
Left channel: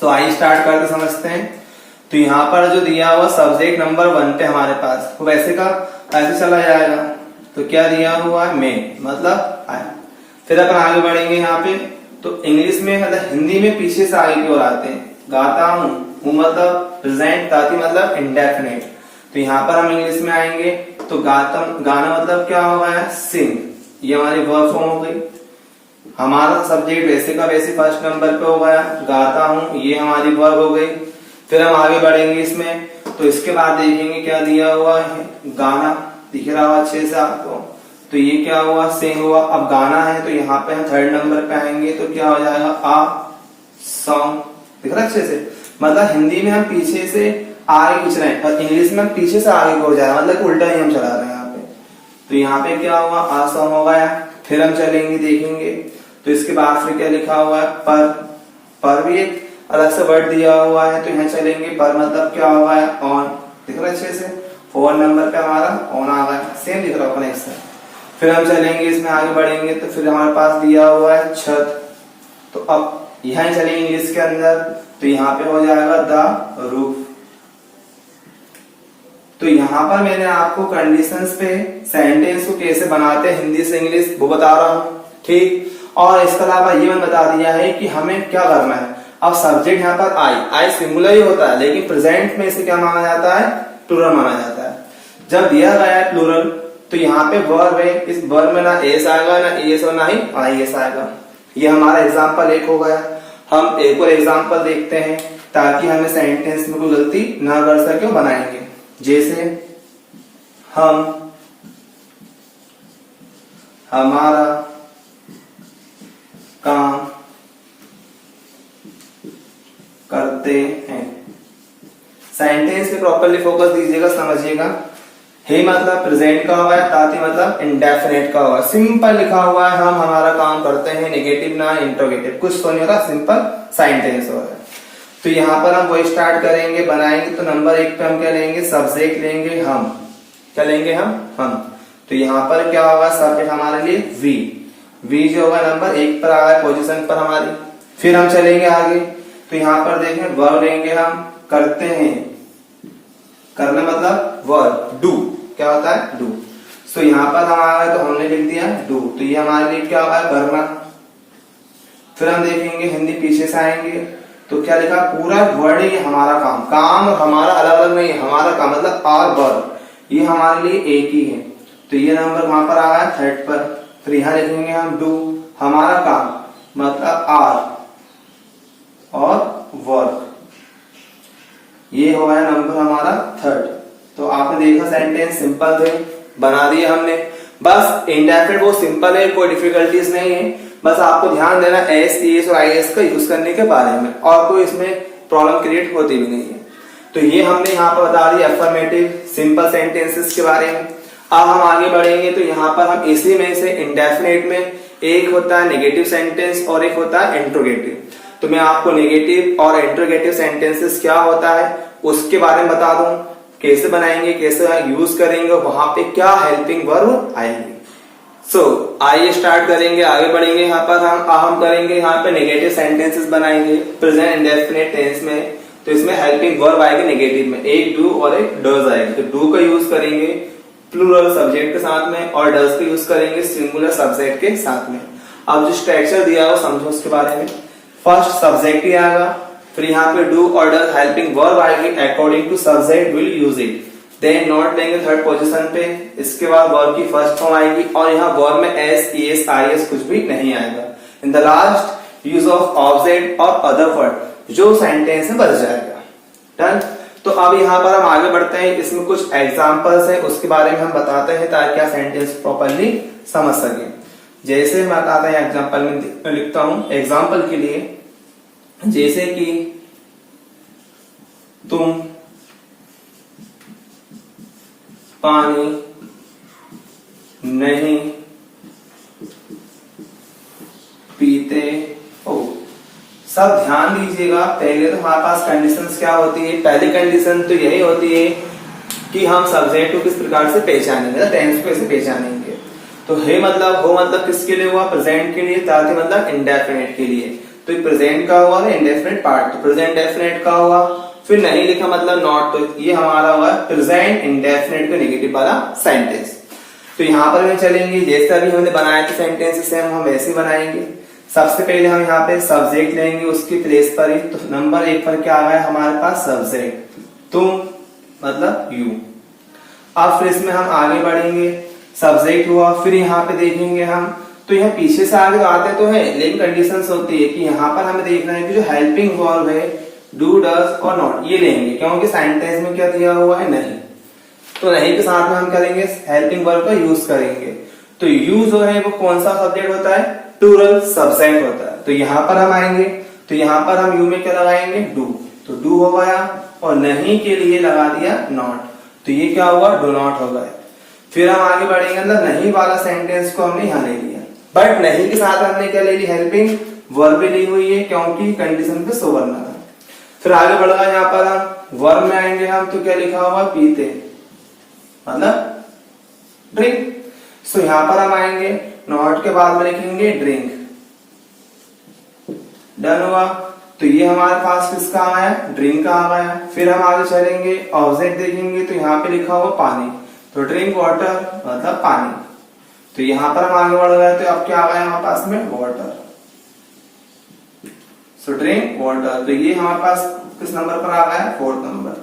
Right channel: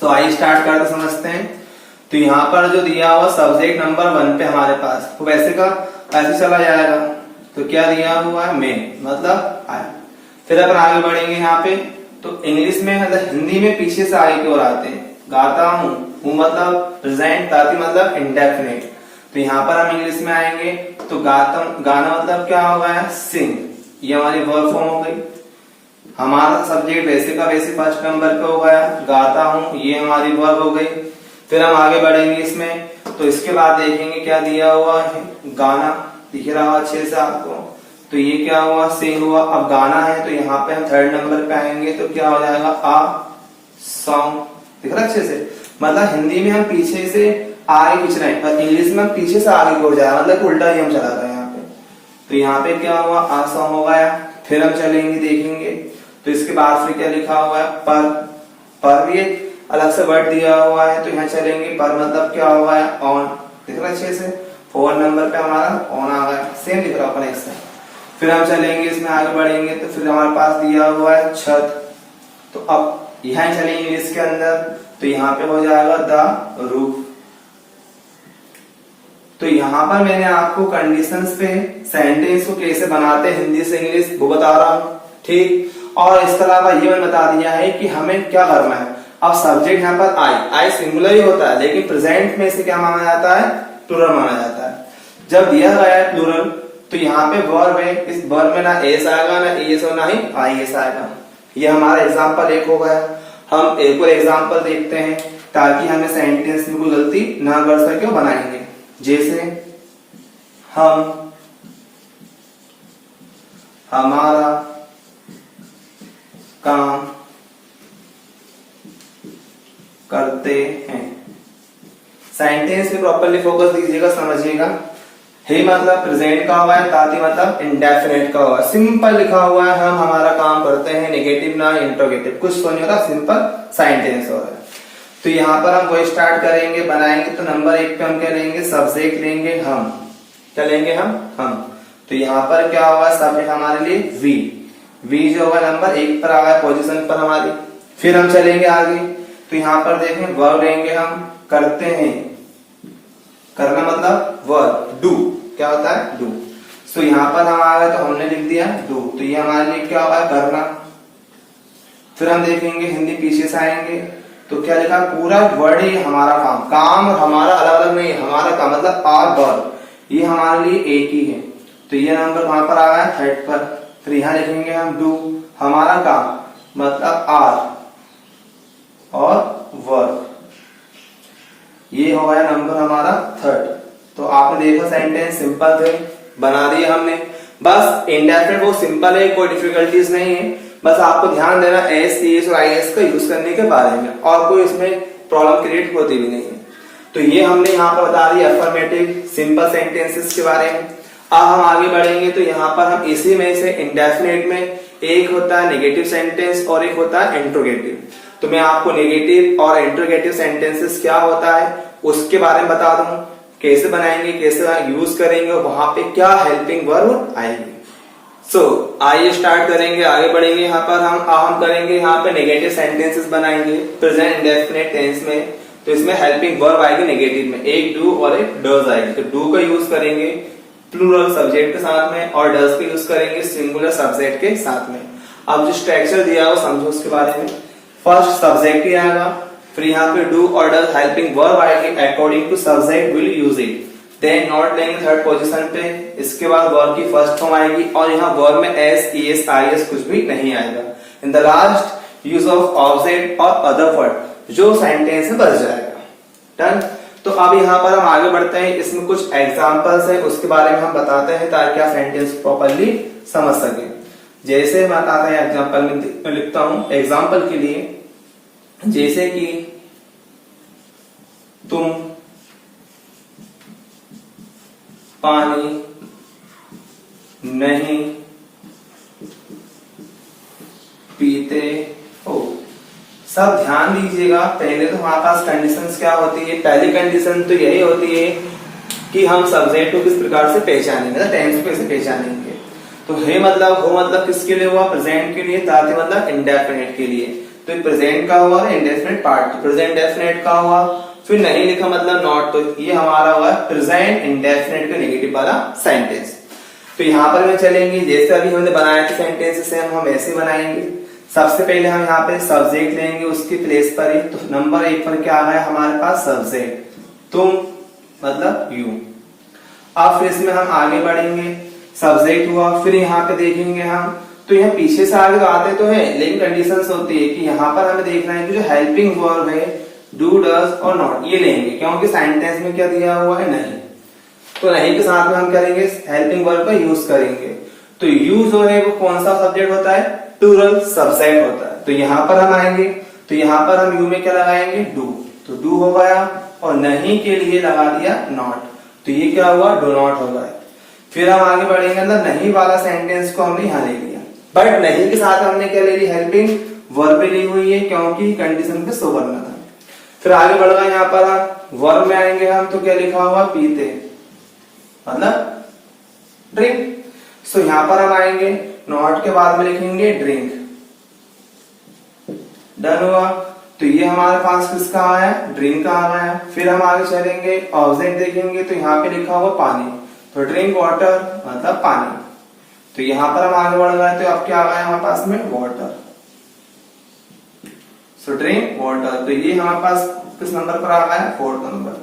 तो आइए स्टार्ट करते समझते हैं। तो यहाँ पर जो दिया हुआ सब्जेक्ट नंबर 1 पे हमारे पास, तो वैसे का ऐसे चला जाएगा। तो क्या दिया हुआ है, मैं मतलब आया। फिर अपन आगे बढ़ेंगे यहाँ पे, तो इंग्लिश में मतलब हिंदी में पीछे से आगे की ओर आते हैं। गाता हूँ मतलब प्रेजेंट, गाती मतलब इंडेफिनिट। तो यहाँ पर हम इंग्लिश में आएंगे तो गाना मतलब क्या होगा, सिंग। ये हमारी वर्ब फॉर्म हो गई। हमारा सब्जेक्ट वैसे का वैसे फर्स्ट नंबर पे हो गया, गाता हूँ, ये हमारी वर्ब हो गई। फिर हम आगे बढ़ेंगे इसमें, तो इसके बाद देखेंगे क्या दिया हुआ है, गाना दिख रहा हुआ अच्छे से आपको। तो ये क्या हुआ, सिंग हुआ। अब गाना है तो यहाँ पे हम थर्ड नंबर पे आएंगे तो क्या हो जाएगा, आ सॉन्ग। दिख रहा अच्छे से, मतलब हिंदी में हम पीछे से आगे कुछ नहीं और इंग्लिश में हम पीछे से आगे को जाए, मतलब उल्टा ही हम चला रहे हैं यहाँ पे। तो यहाँ पे क्या हुआ, आ सॉन्ग हो गया। फिर हम चलेंगे देखेंगे, तो इसके बाद फिर क्या लिखा हुआ है, पर भी एक अलग से वर्ड दिया हुआ है। तो यहाँ चलेंगे, पर मतलब क्या हुआ है, ऑन। दिख रहा है अच्छे से, 4 नंबर पे हमारा ऑन आ गया, सेम दिख रहा होगा इससे। फिर हम चलेंगे इसमें आगे बढ़ेंगे, तो फिर हमारे पास दिया हुआ है छत। तो अब यहाँ चलेंगे इंग्लिश के अंदर, तो यहाँ पे हो जाएगा द रूफ। तो यहाँ पर मैंने आपको कंडीशंस पे सेंटेंस को कैसे बनाते हैं हिंदी से इंग्लिश वो बता रहा हूँ, ठीक। और इसके अलावा ये मैंने बता दिया है कि हमें क्या करना है। अब सब्जेक्ट यहाँ पर आई सिंगुलर ही होता है, लेकिन प्रेजेंट में इसे क्या माना जाता है, प्लूरल माना जाता है। जब दिया गया है प्लूरल, तो यहाँ पे वर्ब है, इस वर्ब में ना एस आएगा ना एस और ना ही आई एस आएगा। ये हमारा एग्जाम्पल 1 हो गया। हम एक और एग्जाम्पल देखते हैं ताकि हमें सेंटेंस में कोई गलती ना कर सके बनाएंगे। जैसे हमारा काम करते हैं। सेंटेंस पे प्रॉपरली फोकस दीजिएगा, समझिएगा। हे मतलब प्रेजेंट का हुआ है, ताती मतलब इंडेफिनिट का हुआ है। सिंपल लिखा हुआ है, हम हमारा काम करते हैं, नेगेटिव ना इंट्रोगेटिव, कुछ तो नहीं होता, सिंपल सेंटेंस हो रहा है। तो यहाँ पर हम वही स्टार्ट करेंगे, बनाएंगे। तो नंबर 1 पे हम क्या लेंगे, सब्जेक्ट लेंगे हम, चलेंगे हम। तो यहाँ पर क्या होगा, सब्जेक्ट हमारे लिए वी जो होगा नंबर 1 पर आ गया पोजीशन पर हमारी। फिर हम चलेंगे आगे, तो यहाँ पर देखें वर्ब लेंगे हम, करते हैं, करना मतलब वर्ब, डू क्या होता है, डू। तो यहाँ पर हम आ गए तो हमने लिख दिया डू, तो ये हमारे लिए क्या होगा, करना। फिर हम देखेंगे हिंदी पीछे से आएंगे, तो क्या लिखा, पूरा वर्ड ही हमारा काम और हमारा अलग अलग नहीं, हमारा काम मतलब आर वर्ब, ये हमारे लिए एक ही है। तो ये नंबर वहां पर आ गया 3rd पर। फिर यहाँ लिखेंगे हम डू, हमारा काम मतलब आर और वर्ब, ये हो गया नंबर हमारा 3rd। तो आपने देखा सेंटेंस सिंपल थे, बना दिए हमने। बस इंडेफिनिट वो सिंपल है, कोई डिफिकल्टीज नहीं है। बस आपको ध्यान देना एस और आई एस का यूज करने के बारे में, और कोई इसमें प्रॉब्लम क्रिएट होती भी नहीं है। तो ये हमने यहाँ पर बता दिया अफर्मेटिव सिंपल सेंटेंसेस के बारे में। अब हम आगे बढ़ेंगे, तो यहाँ पर हम इसी में से इंडेफिनिट में एक होता है नेगेटिव सेंटेंस और एक होता है इंट्रोगेटिव। तो मैं आपको नेगेटिव और इंट्रोगेटिव सेंटेंसेस क्या होता है उसके बारे में बता दूं, कैसे बनाएंगे, कैसे यूज करेंगे, वहां पे क्या हेल्पिंग वर्ब आएंगे। सो आइए स्टार्ट करेंगे, आगे बढ़ेंगे। यहाँ पर हम करेंगे, यहाँ पे नेगेटिव सेंटेंसेस बनाएंगे प्रेजेंट इंडेफिनिट टेंस में। तो इसमें हेल्पिंग वर्ब आएगी नेगेटिव में, एक डू और एक डज आएगी। तो डू का यूज करेंगे प्लूरल सब्जेक्ट के साथ में और डज का यूज करेंगे सिंगुलर सब्जेक्ट के साथ में। अब जो स्ट्रक्चर दिया हो समझो उसके बारे में। फर्स्ट सब्जेक्ट ही आएगा, फिर यहाँ पे डू और डज हेल्पिंग वर्ब आएगी, according to subject will use it. Then not लेंगे थर्ड पोजीशन पे, इसके बाद वर्ब की फर्स्ट फॉर्म आएगी और यहाँ वर्ब में एस, ईएस, आईएस कुछ भी नहीं आएगा। In the last use of object और अदर वर्ड जो सेंटेंस में बच जाएगा। डन। तो अब यहाँ पर हम आगे बढ़ते हैं, इसमें कुछ एग्जांपल्स है उसके बारे में हम बताते हैं ताकि आप सेंटेंस प्रॉपरली समझ सकें। जैसे मैं बताता हूँ एग्जांपल में लिखता हूं एग्जांपल के लिए, जैसे कि तुम पानी नहीं पीते हो। सब ध्यान दीजिएगा, पहले तो हमारे पास कंडीशंस क्या होती है। पहली कंडीशन तो यही होती है कि हम सब्जेक्ट को किस प्रकार से पहचानेंगे, टेंस को कैसे पहचानेंगे। तो है मतलब हो मतलब किसके लिए हुआ, प्रेजेंट के लिए, ताकि मतलब इंडेफिनिट के लिए। तो प्रेजेंट का हुआ है इंडेफिनिट पार्ट, प्रेजेंट डेफिनेट का हुआ, फिर नहीं लिखा मतलब नॉट, तो ये हमारा हुआ प्रेजेंट इंडेफिनिट का नेगेटिव वाला सेंटेंस। तो यहाँ पर हम चलेंगे, जैसे अभी हमने बनाया था सेंटेंस से हम वैसे ही बनाएंगे। सबसे पहले हम यहाँ पे सब्जेक्ट लेंगे उसकी प्लेस पर ही, तो नंबर 1 पर क्या आ गया हमारे पास सब्जेक्ट, तुम मतलब यू। अब फिर इसमें हम आगे बढ़ेंगे, सब्जेक्ट हुआ, फिर यहाँ पे देखेंगे हम, तो यहाँ पीछे से आगे आते तो है लेकिन कंडीशंस होती है कि यहाँ पर हमें देखना है कि जो हेल्पिंग वर्ब है डू, डज और नॉट ये लेंगे, क्योंकि सेंटेंस में क्या दिया हुआ है नहीं। तो नहीं के साथ में हम करेंगे हेल्पिंग वर्ब का यूज करेंगे। तो यू जो है वो कौन सा सब्जेक्ट होता है, प्लूरल सब्जेक्ट होता है। तो यहाँ पर हम आएंगे, तो यहाँ पर हम यू में क्या लगाएंगे डू, तो डू हो गया, और नहीं के लिए लगा दिया नॉट, तो ये क्या हुआ डू नॉट हो गया। फिर हम आगे बढ़ेंगे, अंदर नहीं वाला सेंटेंस को हमने यहाँ ले लिया, बट नहीं के साथ हमने क्या ले ली हेल्पिंग वर्ब ली हुई है क्योंकि कंडीशन पे सो करना था। फिर आगे बढ़ गए, यहाँ पर हम वर्ब में आएंगे हम, तो क्या लिखा हुआ पीते मतलब ड्रिंक। सो यहाँ पर हम आएंगे, नॉट के बाद में लिखेंगे ड्रिंक। डन हुआ, तो ये हमारे पास किसका आया ड्रिंक का आ गया। फिर हम आगे चलेंगे, ऑब्जेक्ट देखेंगे तो यहाँ पे लिखा हुआ पानी, तो ड्रिंक वाटर मतलब पानी। तो यहाँ पर हम आगे बढ़ गए, तो अब क्या आ गया हमारे पास में वाटर, सो ड्रिंक वाटर। तो ये हमारे पास किस नंबर पर आ गया 4th नंबर।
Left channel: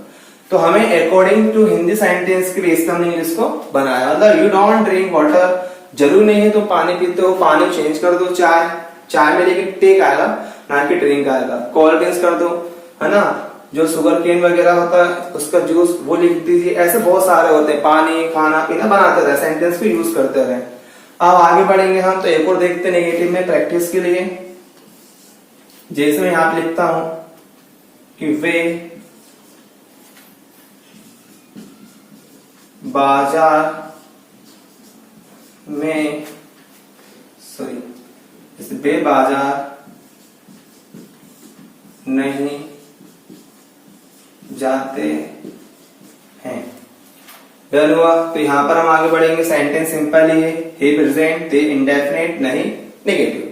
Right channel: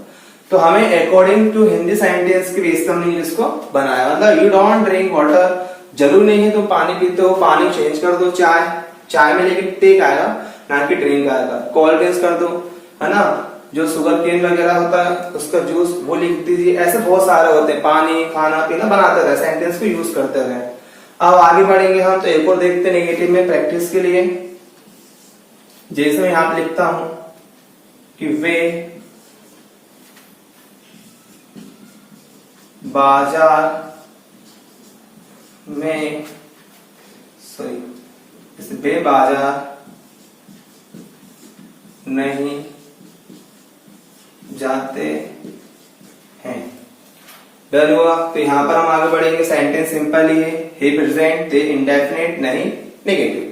तो हमें अकॉर्डिंग टू हिंदी सेंटेंस के बेस पर हमने इंग्लिश को बनाया, मतलब यू डोंट ड्रिंक वाटर, जरूर नहीं है तुम पानी पीते हो, पानी चेंज कर दो चाय, चाय में लेकिन टेक आएगा ना कि ड्रिंक आएगा। कोल्ड ड्रिंक्स कर दो, है ना, जो शुगर केन वगैरह होता है उसका जूस वो लिख दीजिए। ऐसे बहुत सारे होते हैं, पानी खाना पीना बनाते रहे, सेंटेंस को यूज करते रहे। अब आगे बढ़ेंगे हम, तो एक और देखते नेगेटिव में प्रैक्टिस के लिए। जैसे मैं यहाँ पे लिखता हूं कि वे बाजार में, सॉरी, वे बाजार नहीं जाते हैं। डन हुआ, तो यहां पर हम आगे बढ़ेंगे, सेंटेंस सिंपल ही है, हे प्रेजेंट, दे इंडेफिनिट, नहीं नेगेटिव।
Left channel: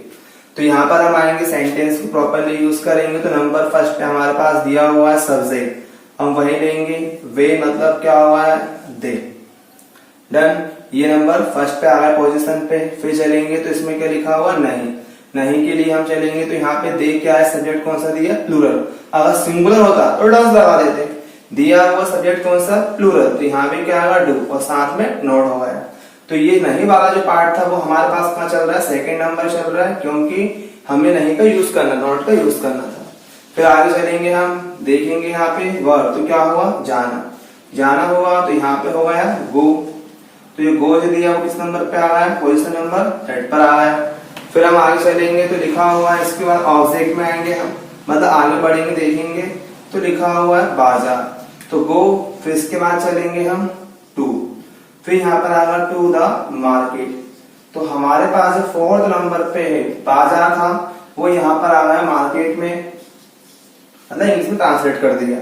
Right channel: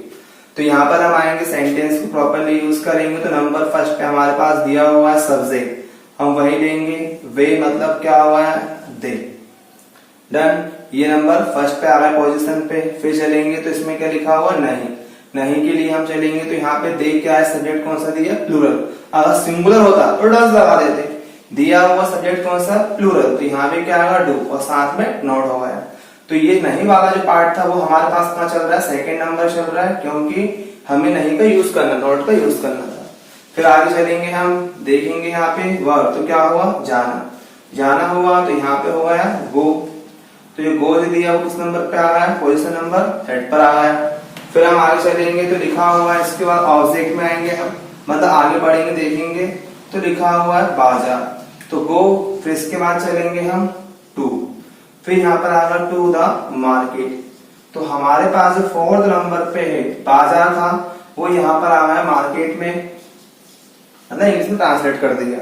तो यहाँ पर हम आएंगे, सेंटेंस को प्रॉपरली यूज करेंगे। तो नंबर फर्स्ट पे हमारे पास दिया हुआ है सब्जेक्ट, हम वही लेंगे, वे मतलब क्या हुआ है दे। डन, ये नंबर फर्स्ट पे आ रहा है पोजीशन पे। फिर चलेंगे तो इसमें क्या लिखा हुआ नहीं, नहीं के लिए हम चलेंगे, तो यहाँ पे दे क्या है, सब्जेक्ट कौन सा दिया प्लूरल। अगर सिंगुलर होता तो डज लगा देते, दिया हुआ सब्जेक्ट कौन सा प्लूरल, तो यहाँ पे क्या आएगा डू और साथ में नोट हो गया। तो ये नहीं वाला जो पार्ट था वो हमारे पास कहाँ चल रहा है, 2nd नंबर चल रहा है, क्योंकि हमें नहीं का यूज करना, नोट का यूज करना था। फिर आगे चलेंगे, हम देखेंगे यहाँ पे वर्ब, तो क्या हुआ जाना, जाना हुआ, तो यहाँ पे हो गया गो। तो ये गो जो दिया वो किस नंबर पे आ रहा है, पोजीशन नंबर 3rd पर आ रहा है। फिर हम आगे चलेंगे, तो लिखा हुआ है, इसके बाद ऑब्जेक्ट में आएंगे हम, मतलब आगे बढ़ेंगे देखेंगे, तो लिखा हुआ है बाजार, तो गो। फिर इसके बाद चलेंगे हम टू, फिर यहाँ पर आ रहा टू द मार्केट। तो हमारे पास जो 4th नंबर पे है बाजार था, वो यहाँ पर आ गया मार्केट में, है ना, इंग्लिश में ट्रांसलेट कर दिया।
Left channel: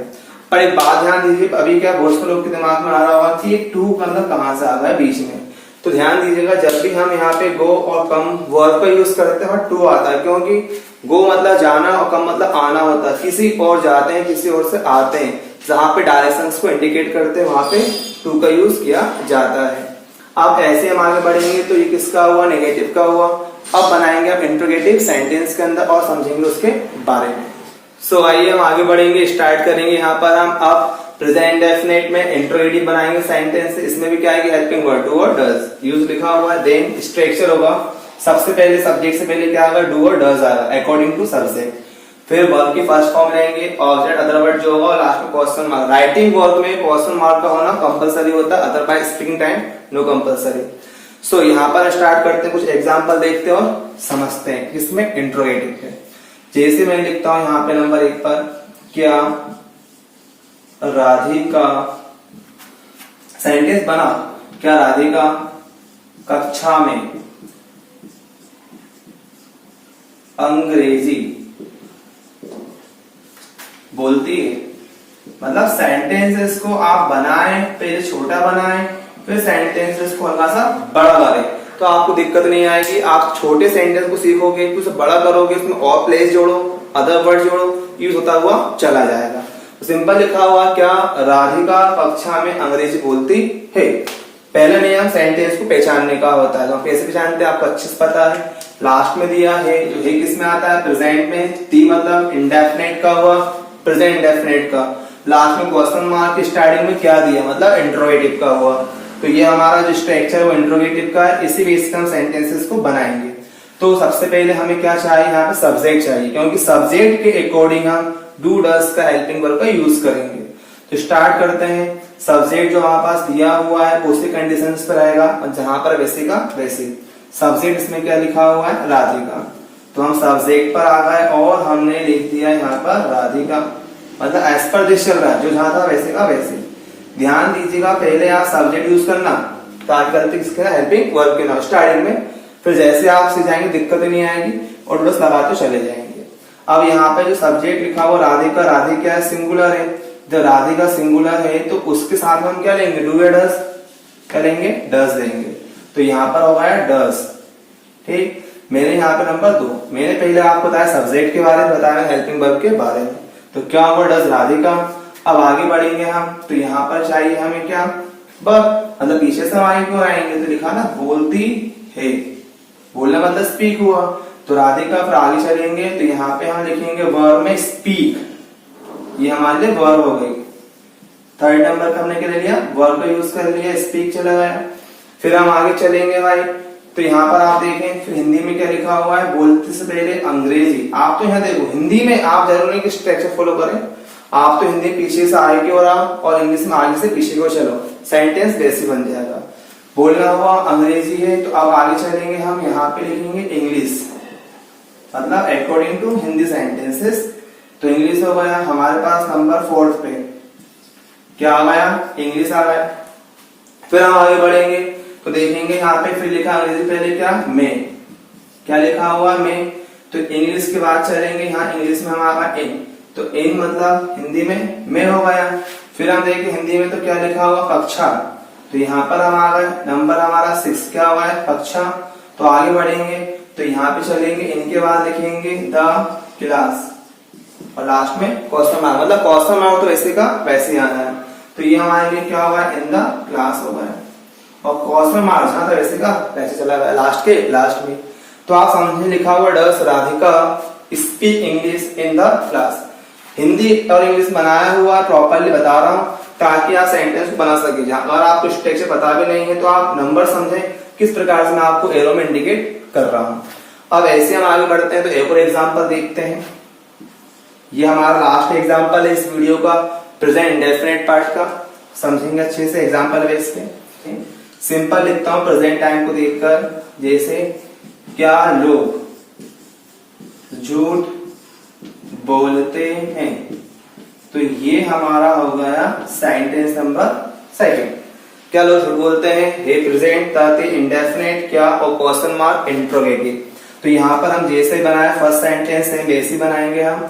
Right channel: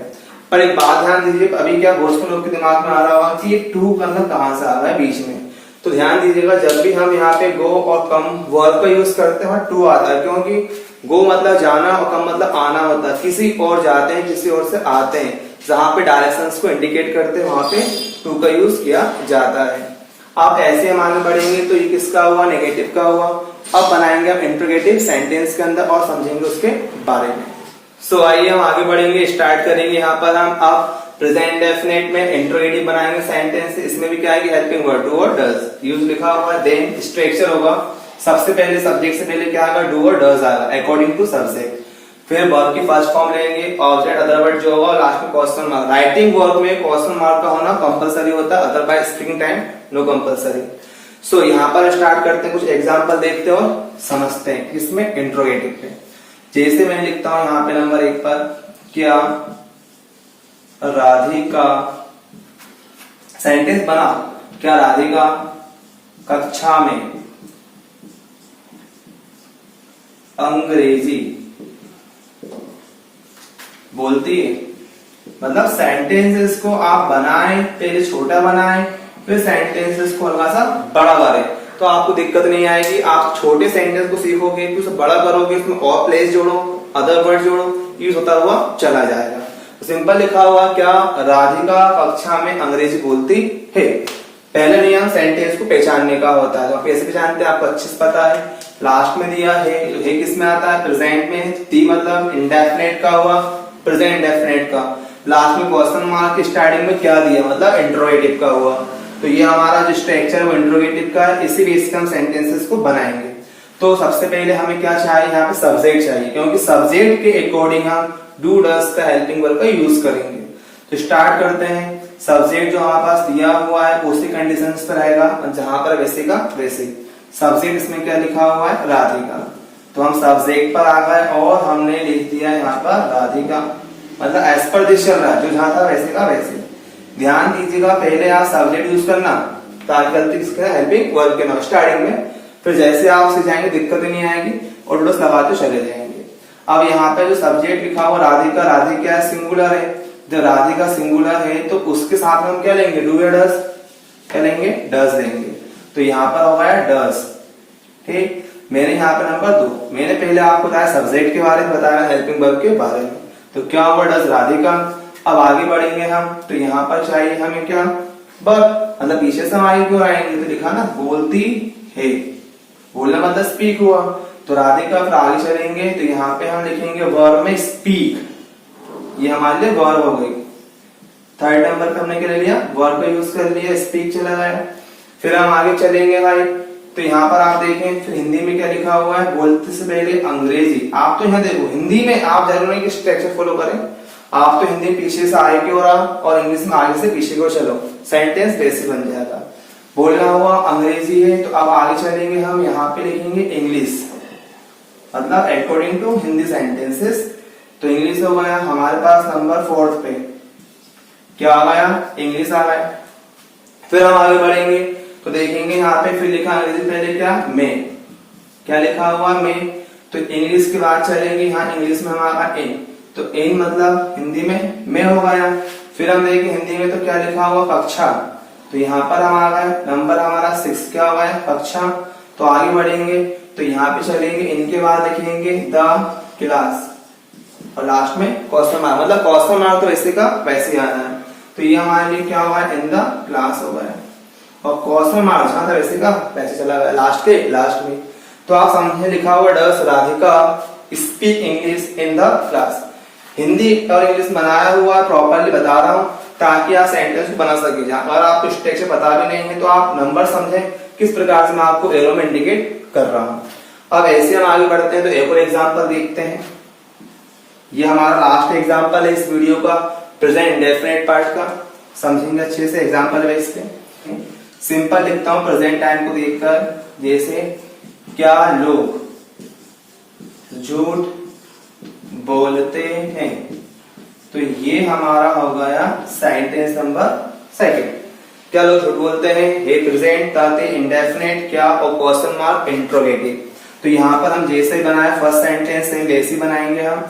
पर एक बात ध्यान दीजिए, अभी क्या बहुत से लोग के दिमाग में आ रहा होगा कि ये टू मतलब कहाँ से आ रहा है बीच में, तो ध्यान दीजिएगा, जब भी हम यहाँ पे गो और कम वर्ब का यूज करते हैं टू आता है, क्योंकि गो मतलब जाना और कम मतलब आना होता है। किसी और जाते हैं, किसी और से आते हैं, जहां पे डायरेक्शंस को इंडिकेट करते हैं वहां पे टू का यूज किया जाता है। अब ऐसे हम आगे बढ़ेंगे तो ये किसका हुआ, नेगेटिव का हुआ। अब बनाएंगे हम इंट्रोगेटिव सेंटेंस के अंदर और समझेंगे उसके बारे में। सो आइए हम आगे बढ़ेंगे, स्टार्ट करेंगे। यहाँ पर हम अब प्रेजेंट डेफिनेट में इंट्रोगेटिव बनाएंगे सेंटेंस। इसमें भी क्या है कि हेल्पिंग वर्ड डू और डज यूज लिखा हुआ है। देन स्ट्रक्चर होगा, सबसे पहले सब्जेक्ट से पहले क्या आएगा, डू और डज आएगा अकॉर्डिंग टू सब्जेक्ट। फिर वर्ब की फर्स्ट फॉर्म लेंगे, ऑब्जेक्ट अदर वर्ड जो होगा, और लास्ट में क्वेश्चन मार्क। राइटिंग वर्ब में क्वेश्चन मार्क का होना कंपलसरी होता है, otherwise speaking time no compulsory. So यहाँ पर स्टार्ट करते हैं, कुछ एग्जाम्पल देखते हैं और समझते हैं किसमें, इंट्रोगेटिव में। जैसे मैं लिखता हूं यहाँ पे नंबर 1 पर, क्या राधिका, सेंटेंस बना, क्या राधिका कक्षा में अंग्रेजी बोलती है। मतलब सेंटेंसेस को आप बनाएं, पहले छोटा बनाएं, फिर सेंटेंसेस को हल्का सा बड़ा करें, तो आपको दिक्कत नहीं आएगी। आप छोटे सेंटेंस को सीखोगे, फिर उसे बड़ा करोगे, उसमें और प्लेस जोड़ो, अदर वर्ड जोड़ो, यूज होता हुआ चला जाएगा। तो सिंपल लिखा हुआ, क्या राधिका कक्षा में अंग्रेजी बोलती है। पहले नियम सेंटेंस को पहचानने का होता है, तो कैसे पहचानते हैं आपको अच्छे से पता है। लास्ट में दिया है, तो है किस में आता है, प्रेजेंट में। टी मतलब इंडेफिनेट का हुआ, प्रेजेंट इंडेफिनेट का। लास्ट में क्वेश्चन मार्क, स्टार्टिंग में क्या दिया, मतलब इंट्रोगेटिव का हुआ। तो ये हमारा जो स्ट्रक्चर है वो इंट्रोगेटिव का है। इसी बेस पे हम सेंटेंसेस को बनाएंगे। तो सबसे पहले हमें क्या चाहिए, यहाँ पे सब्जेक्ट चाहिए, क्योंकि सब्जेक्ट के अकॉर्डिंग हम डू डज का हेल्पिंग वर्ब का यूज करेंगे। तो स्टार्ट करते हैं। सब्जेक्ट जो हमारे पास दिया हुआ है उसी कंडीशंस पर रहेगा, जहां पर वैसे का वैसे। सब्जेक्ट इसमें क्या लिखा हुआ है, राधिका। तो हम सब्जेक्ट पर आ गए और हमने लिख दिया यहाँ पर राधिका, मतलब एज पर दिस चल रहा है, जो जहां था वैसे का वैसे। ध्यान दीजिएगा, पहले आप सब्जेक्ट यूज करना, ताकि गलती किसके, हेल्पिंग वर्ब के नाम स्टार्टिंग में। फिर जैसे आप सीख जाएंगे दिक्कत नहीं आएगी और डोस लगाते चले जाएंगे। अब यहाँ पे जो सब्जेक्ट लिखा हुआ राधिका, राधिका क्या है, सिंगुलर है। जब राधिका सिंगुलर है तो उसके साथ में हम क्या लेंगे, डू या डज, क्या लेंगे, डज लेंगे। तो यहाँ पर हो गया डज। ठीक, मेरे यहाँ पे नंबर 2, मैंने पहले आपको बताया सब्जेक्ट के बारे में, बताया हेल्पिंग वर्ब के बारे में। तो क्या हुआ, डज राधिका। अब आगे बढ़ेंगे हम, तो यहाँ पर चाहिए हमें क्या, वर्ब, मतलब पीछे से हम आगे क्यों आएंगे, तो लिखा ना बोलती है, बोलना मतलब स्पीक हुआ। तो राधिका, फिर आगे चलेंगे तो यहाँ पे हम लिखेंगे वर्ब में स्पीक, ये हमारे लिए वर्ब हो गई। थर्ड नंबर करने के लिए लिया, वर्ब का यूज कर लिया, स्पीक चला गया। फिर हम आगे चलेंगे भाई, तो यहाँ पर आप देखें, फिर हिंदी में क्या लिखा हुआ है, बोलते से पहले अंग्रेजी। आप तो यहाँ देखो, हिंदी में आप जरूर नहीं कि स्ट्रक्चर फॉलो करें, आप तो हिंदी पीछे से आगे की ओर आओ और इंग्लिश में आगे से पीछे की ओर चलो, सेंटेंस वैसे बन जाएगा। बोलना हुआ अंग्रेजी है, तो अब आगे चलेंगे हम, यहाँ पे लिखेंगे इंग्लिश, मतलब अकॉर्डिंग टू हिंदी सेंटेंसेस। तो इंग्लिश हो गया हमारे पास नंबर 4 पे, क्या आ गया, इंग्लिश आ गया। फिर हम आगे बढ़ेंगे तो देखेंगे यहाँ पे फिर लिखा अंग्रेजी पहले क्या, में, क्या लिखा हुआ में। तो इंग्लिश के बाद चलेंगे, यहाँ इंग्लिश में हमारा इन, तो इन मतलब हिंदी में हो गया। फिर हम देखें हिंदी में तो क्या लिखा हुआ, कक्षा। तो यहाँ पर हम आ गए, नंबर हमारा 6 क्या हुआ है, कक्षा। तो आगे बढ़ेंगे तो यहाँ पे चलेंगे, इनके बाद लिखेंगे द क्लास, और लास्ट में क्वेश्चन मार्क, मतलब क्वेश्चन मार्क तो वैसे का वैसे ही आना है। तो ये हमारे लिए क्या हुआ, इन द क्लास हो गया, और क्वेश्चन मार्क जहां था वैसे का वैसे चला गया लास्ट के लास्ट में। तो आप समझे, लिखा हुआ does Radhika speak English in the class. Hindi और इंग्लिश बनाया हुआ प्रॉपरली बता रहा हूं, ताकि आप सेंटेंस को बना सके। अगर आपको स्ट्रक्चर पता भी नहीं है तो आप नंबर समझें किस प्रकार से मैं आपको एरो में इंडिकेट कर रहा हूं। अब ऐसे हम आगे बढ़ते हैं, तो एक और एग्जांपल देखते हैं। ये हमारा लास्ट एग्जांपल है इस वीडियो का, प्रेजेंट इंडेफिनिट पार्ट का, समझेंगे अच्छे से एग्जांपल बेस पे। सिंपल लिखता हूं प्रेजेंट टाइम को देखकर, जैसे क्या लोग झूठ बोलते हैं। तो ये हमारा हो गया सेंटेंस नंबर 2। क्या लोग झूठ बोलते हैं, हे प्रेजेंट, ताते इंडेफिनिट, क्या और क्वेश्चन मार्क इंट्रोगेटिव। तो यहाँ पर हम जैसे बनाया फर्स्ट सेंटेंस में वैसे बनाएंगे हम।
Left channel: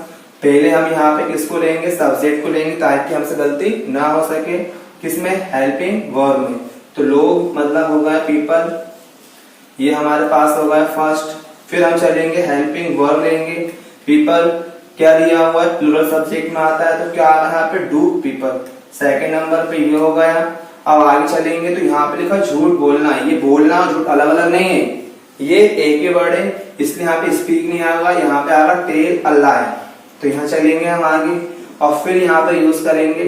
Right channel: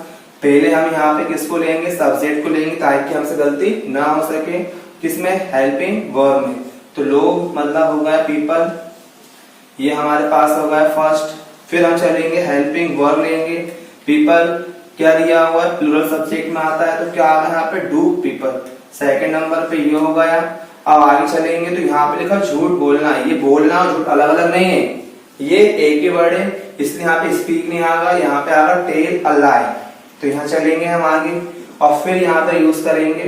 पहले हम यहाँ पे किसको लेंगे, सब्जेक्ट को लेंगे, ताकि हमसे गलती ना हो सके, किसमें, हेल्पिंग वर्ब में। तो लोग मतलब हो गया पीपल, ये हमारे पास हो गया फर्स्ट। फिर हम चलेंगे हेल्पिंग वर्ब लेंगे। पीपल क्या दिया हुआ है, प्लूरल सब्जेक्ट में आता है, तो क्या आ रहा है यहाँ पे डू पीपल। सेकंड नंबर पे ये हो गया। अब आगे चलेंगे तो यहाँ पे लिखा झूठ बोलना। ये बोलना और झूठ अलग अलग नहीं है, ये एक ही वर्ड है, इसलिए यहाँ पे स्पीक नहीं आएगा, यहाँ पे आएगा टेल अ लाई। तो यहाँ चलेंगे हम आगे और फिर यहाँ पे यूज करेंगे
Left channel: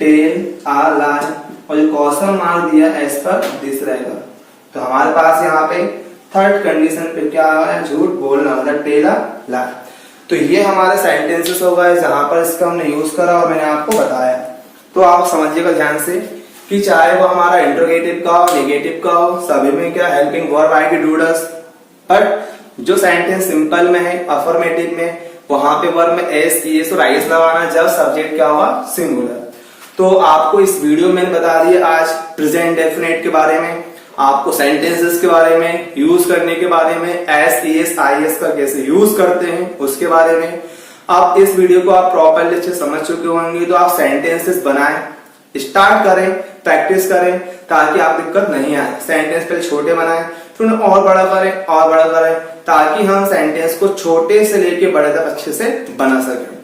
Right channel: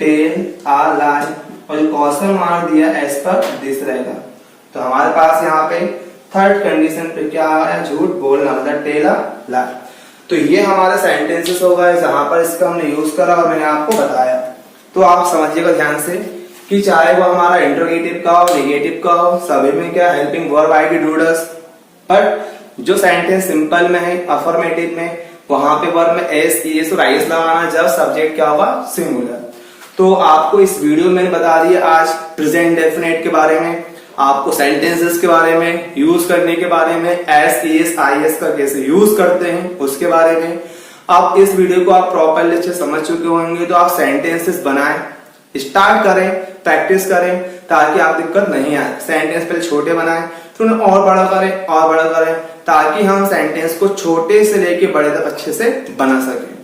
टेल अ लाई, और जो क्वेश्चन मार्क दिया एज पर दिस रहेगा। तो हमारे पास यहाँ पे थर्ड कंडीशन पे क्या आ रहा है, झूठ बोलना मतलब टेल अ लाई। तो ये हमारा सेंटेंसेस हो गए जहां पर इसका हमने यूज करा और मैंने आपको बताया। तो आप समझिएगा ध्यान से कि चाहे वो हमारा इंट्रोगेटिव का हो, नेगेटिव का हो, सभी में क्या helping verb ID do does. But जो सेंटेंस सिंपल में है, अफर्मेटिव में, वहां पे वर्ब में एस, ईएस और आईएस लगाना जब सब्जेक्ट क्या होगा, सिंगुलर। तो आपको इस वीडियो में बता दिया आज प्रेजेंट डेफिनेट के बारे में, आपको सेंटेंसेस के बारे में, यूज करने के बारे में, एस, ईएस, आईएस का कैसे यूज करते हैं उसके बारे में। अब इस वीडियो को आप प्रॉपरली से समझ चुके होंगे, तो आप सेंटेंसेस बनाएं, स्टार्ट करें, प्रैक्टिस करें, ताकि आप दिक्कत नहीं आए। सेंटेंस पहले छोटे बनाएं, फिर उन्हें और बड़ा करें और बड़ा करें, ताकि हम सेंटेंस को छोटे से लेके बड़े तक अच्छे से बना सकें।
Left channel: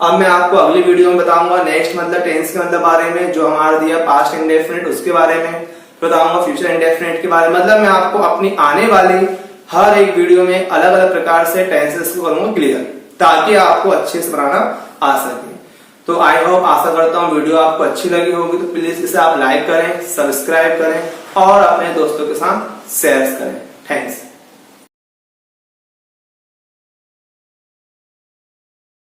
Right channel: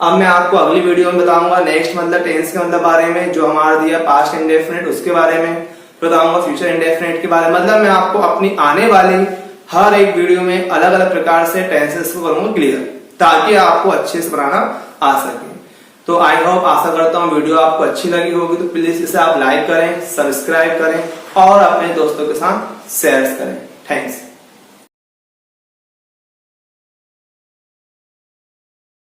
अब मैं आपको अगली वीडियो में बताऊंगा नेक्स्ट मतलब टेंस के मतलब बारे में, जो हमारा दिया पास्ट इंडेफिनिट उसके बारे में बताऊंगा, फ्यूचर इंडेफिनिट के बारे में। मतलब मैं आपको अपनी आने वाली हर एक वीडियो में अलग अलग प्रकार से टेंसेस को करूंगा क्लियर, ताकि आपको अच्छे से बनाना आ सके। तो आई होप, आशा करता हूँ वीडियो आपको अच्छी लगी होगी। तो प्लीज इसे आप लाइक करें, सब्सक्राइब करें और अपने दोस्तों के साथ शेयर करें। थैंक्स।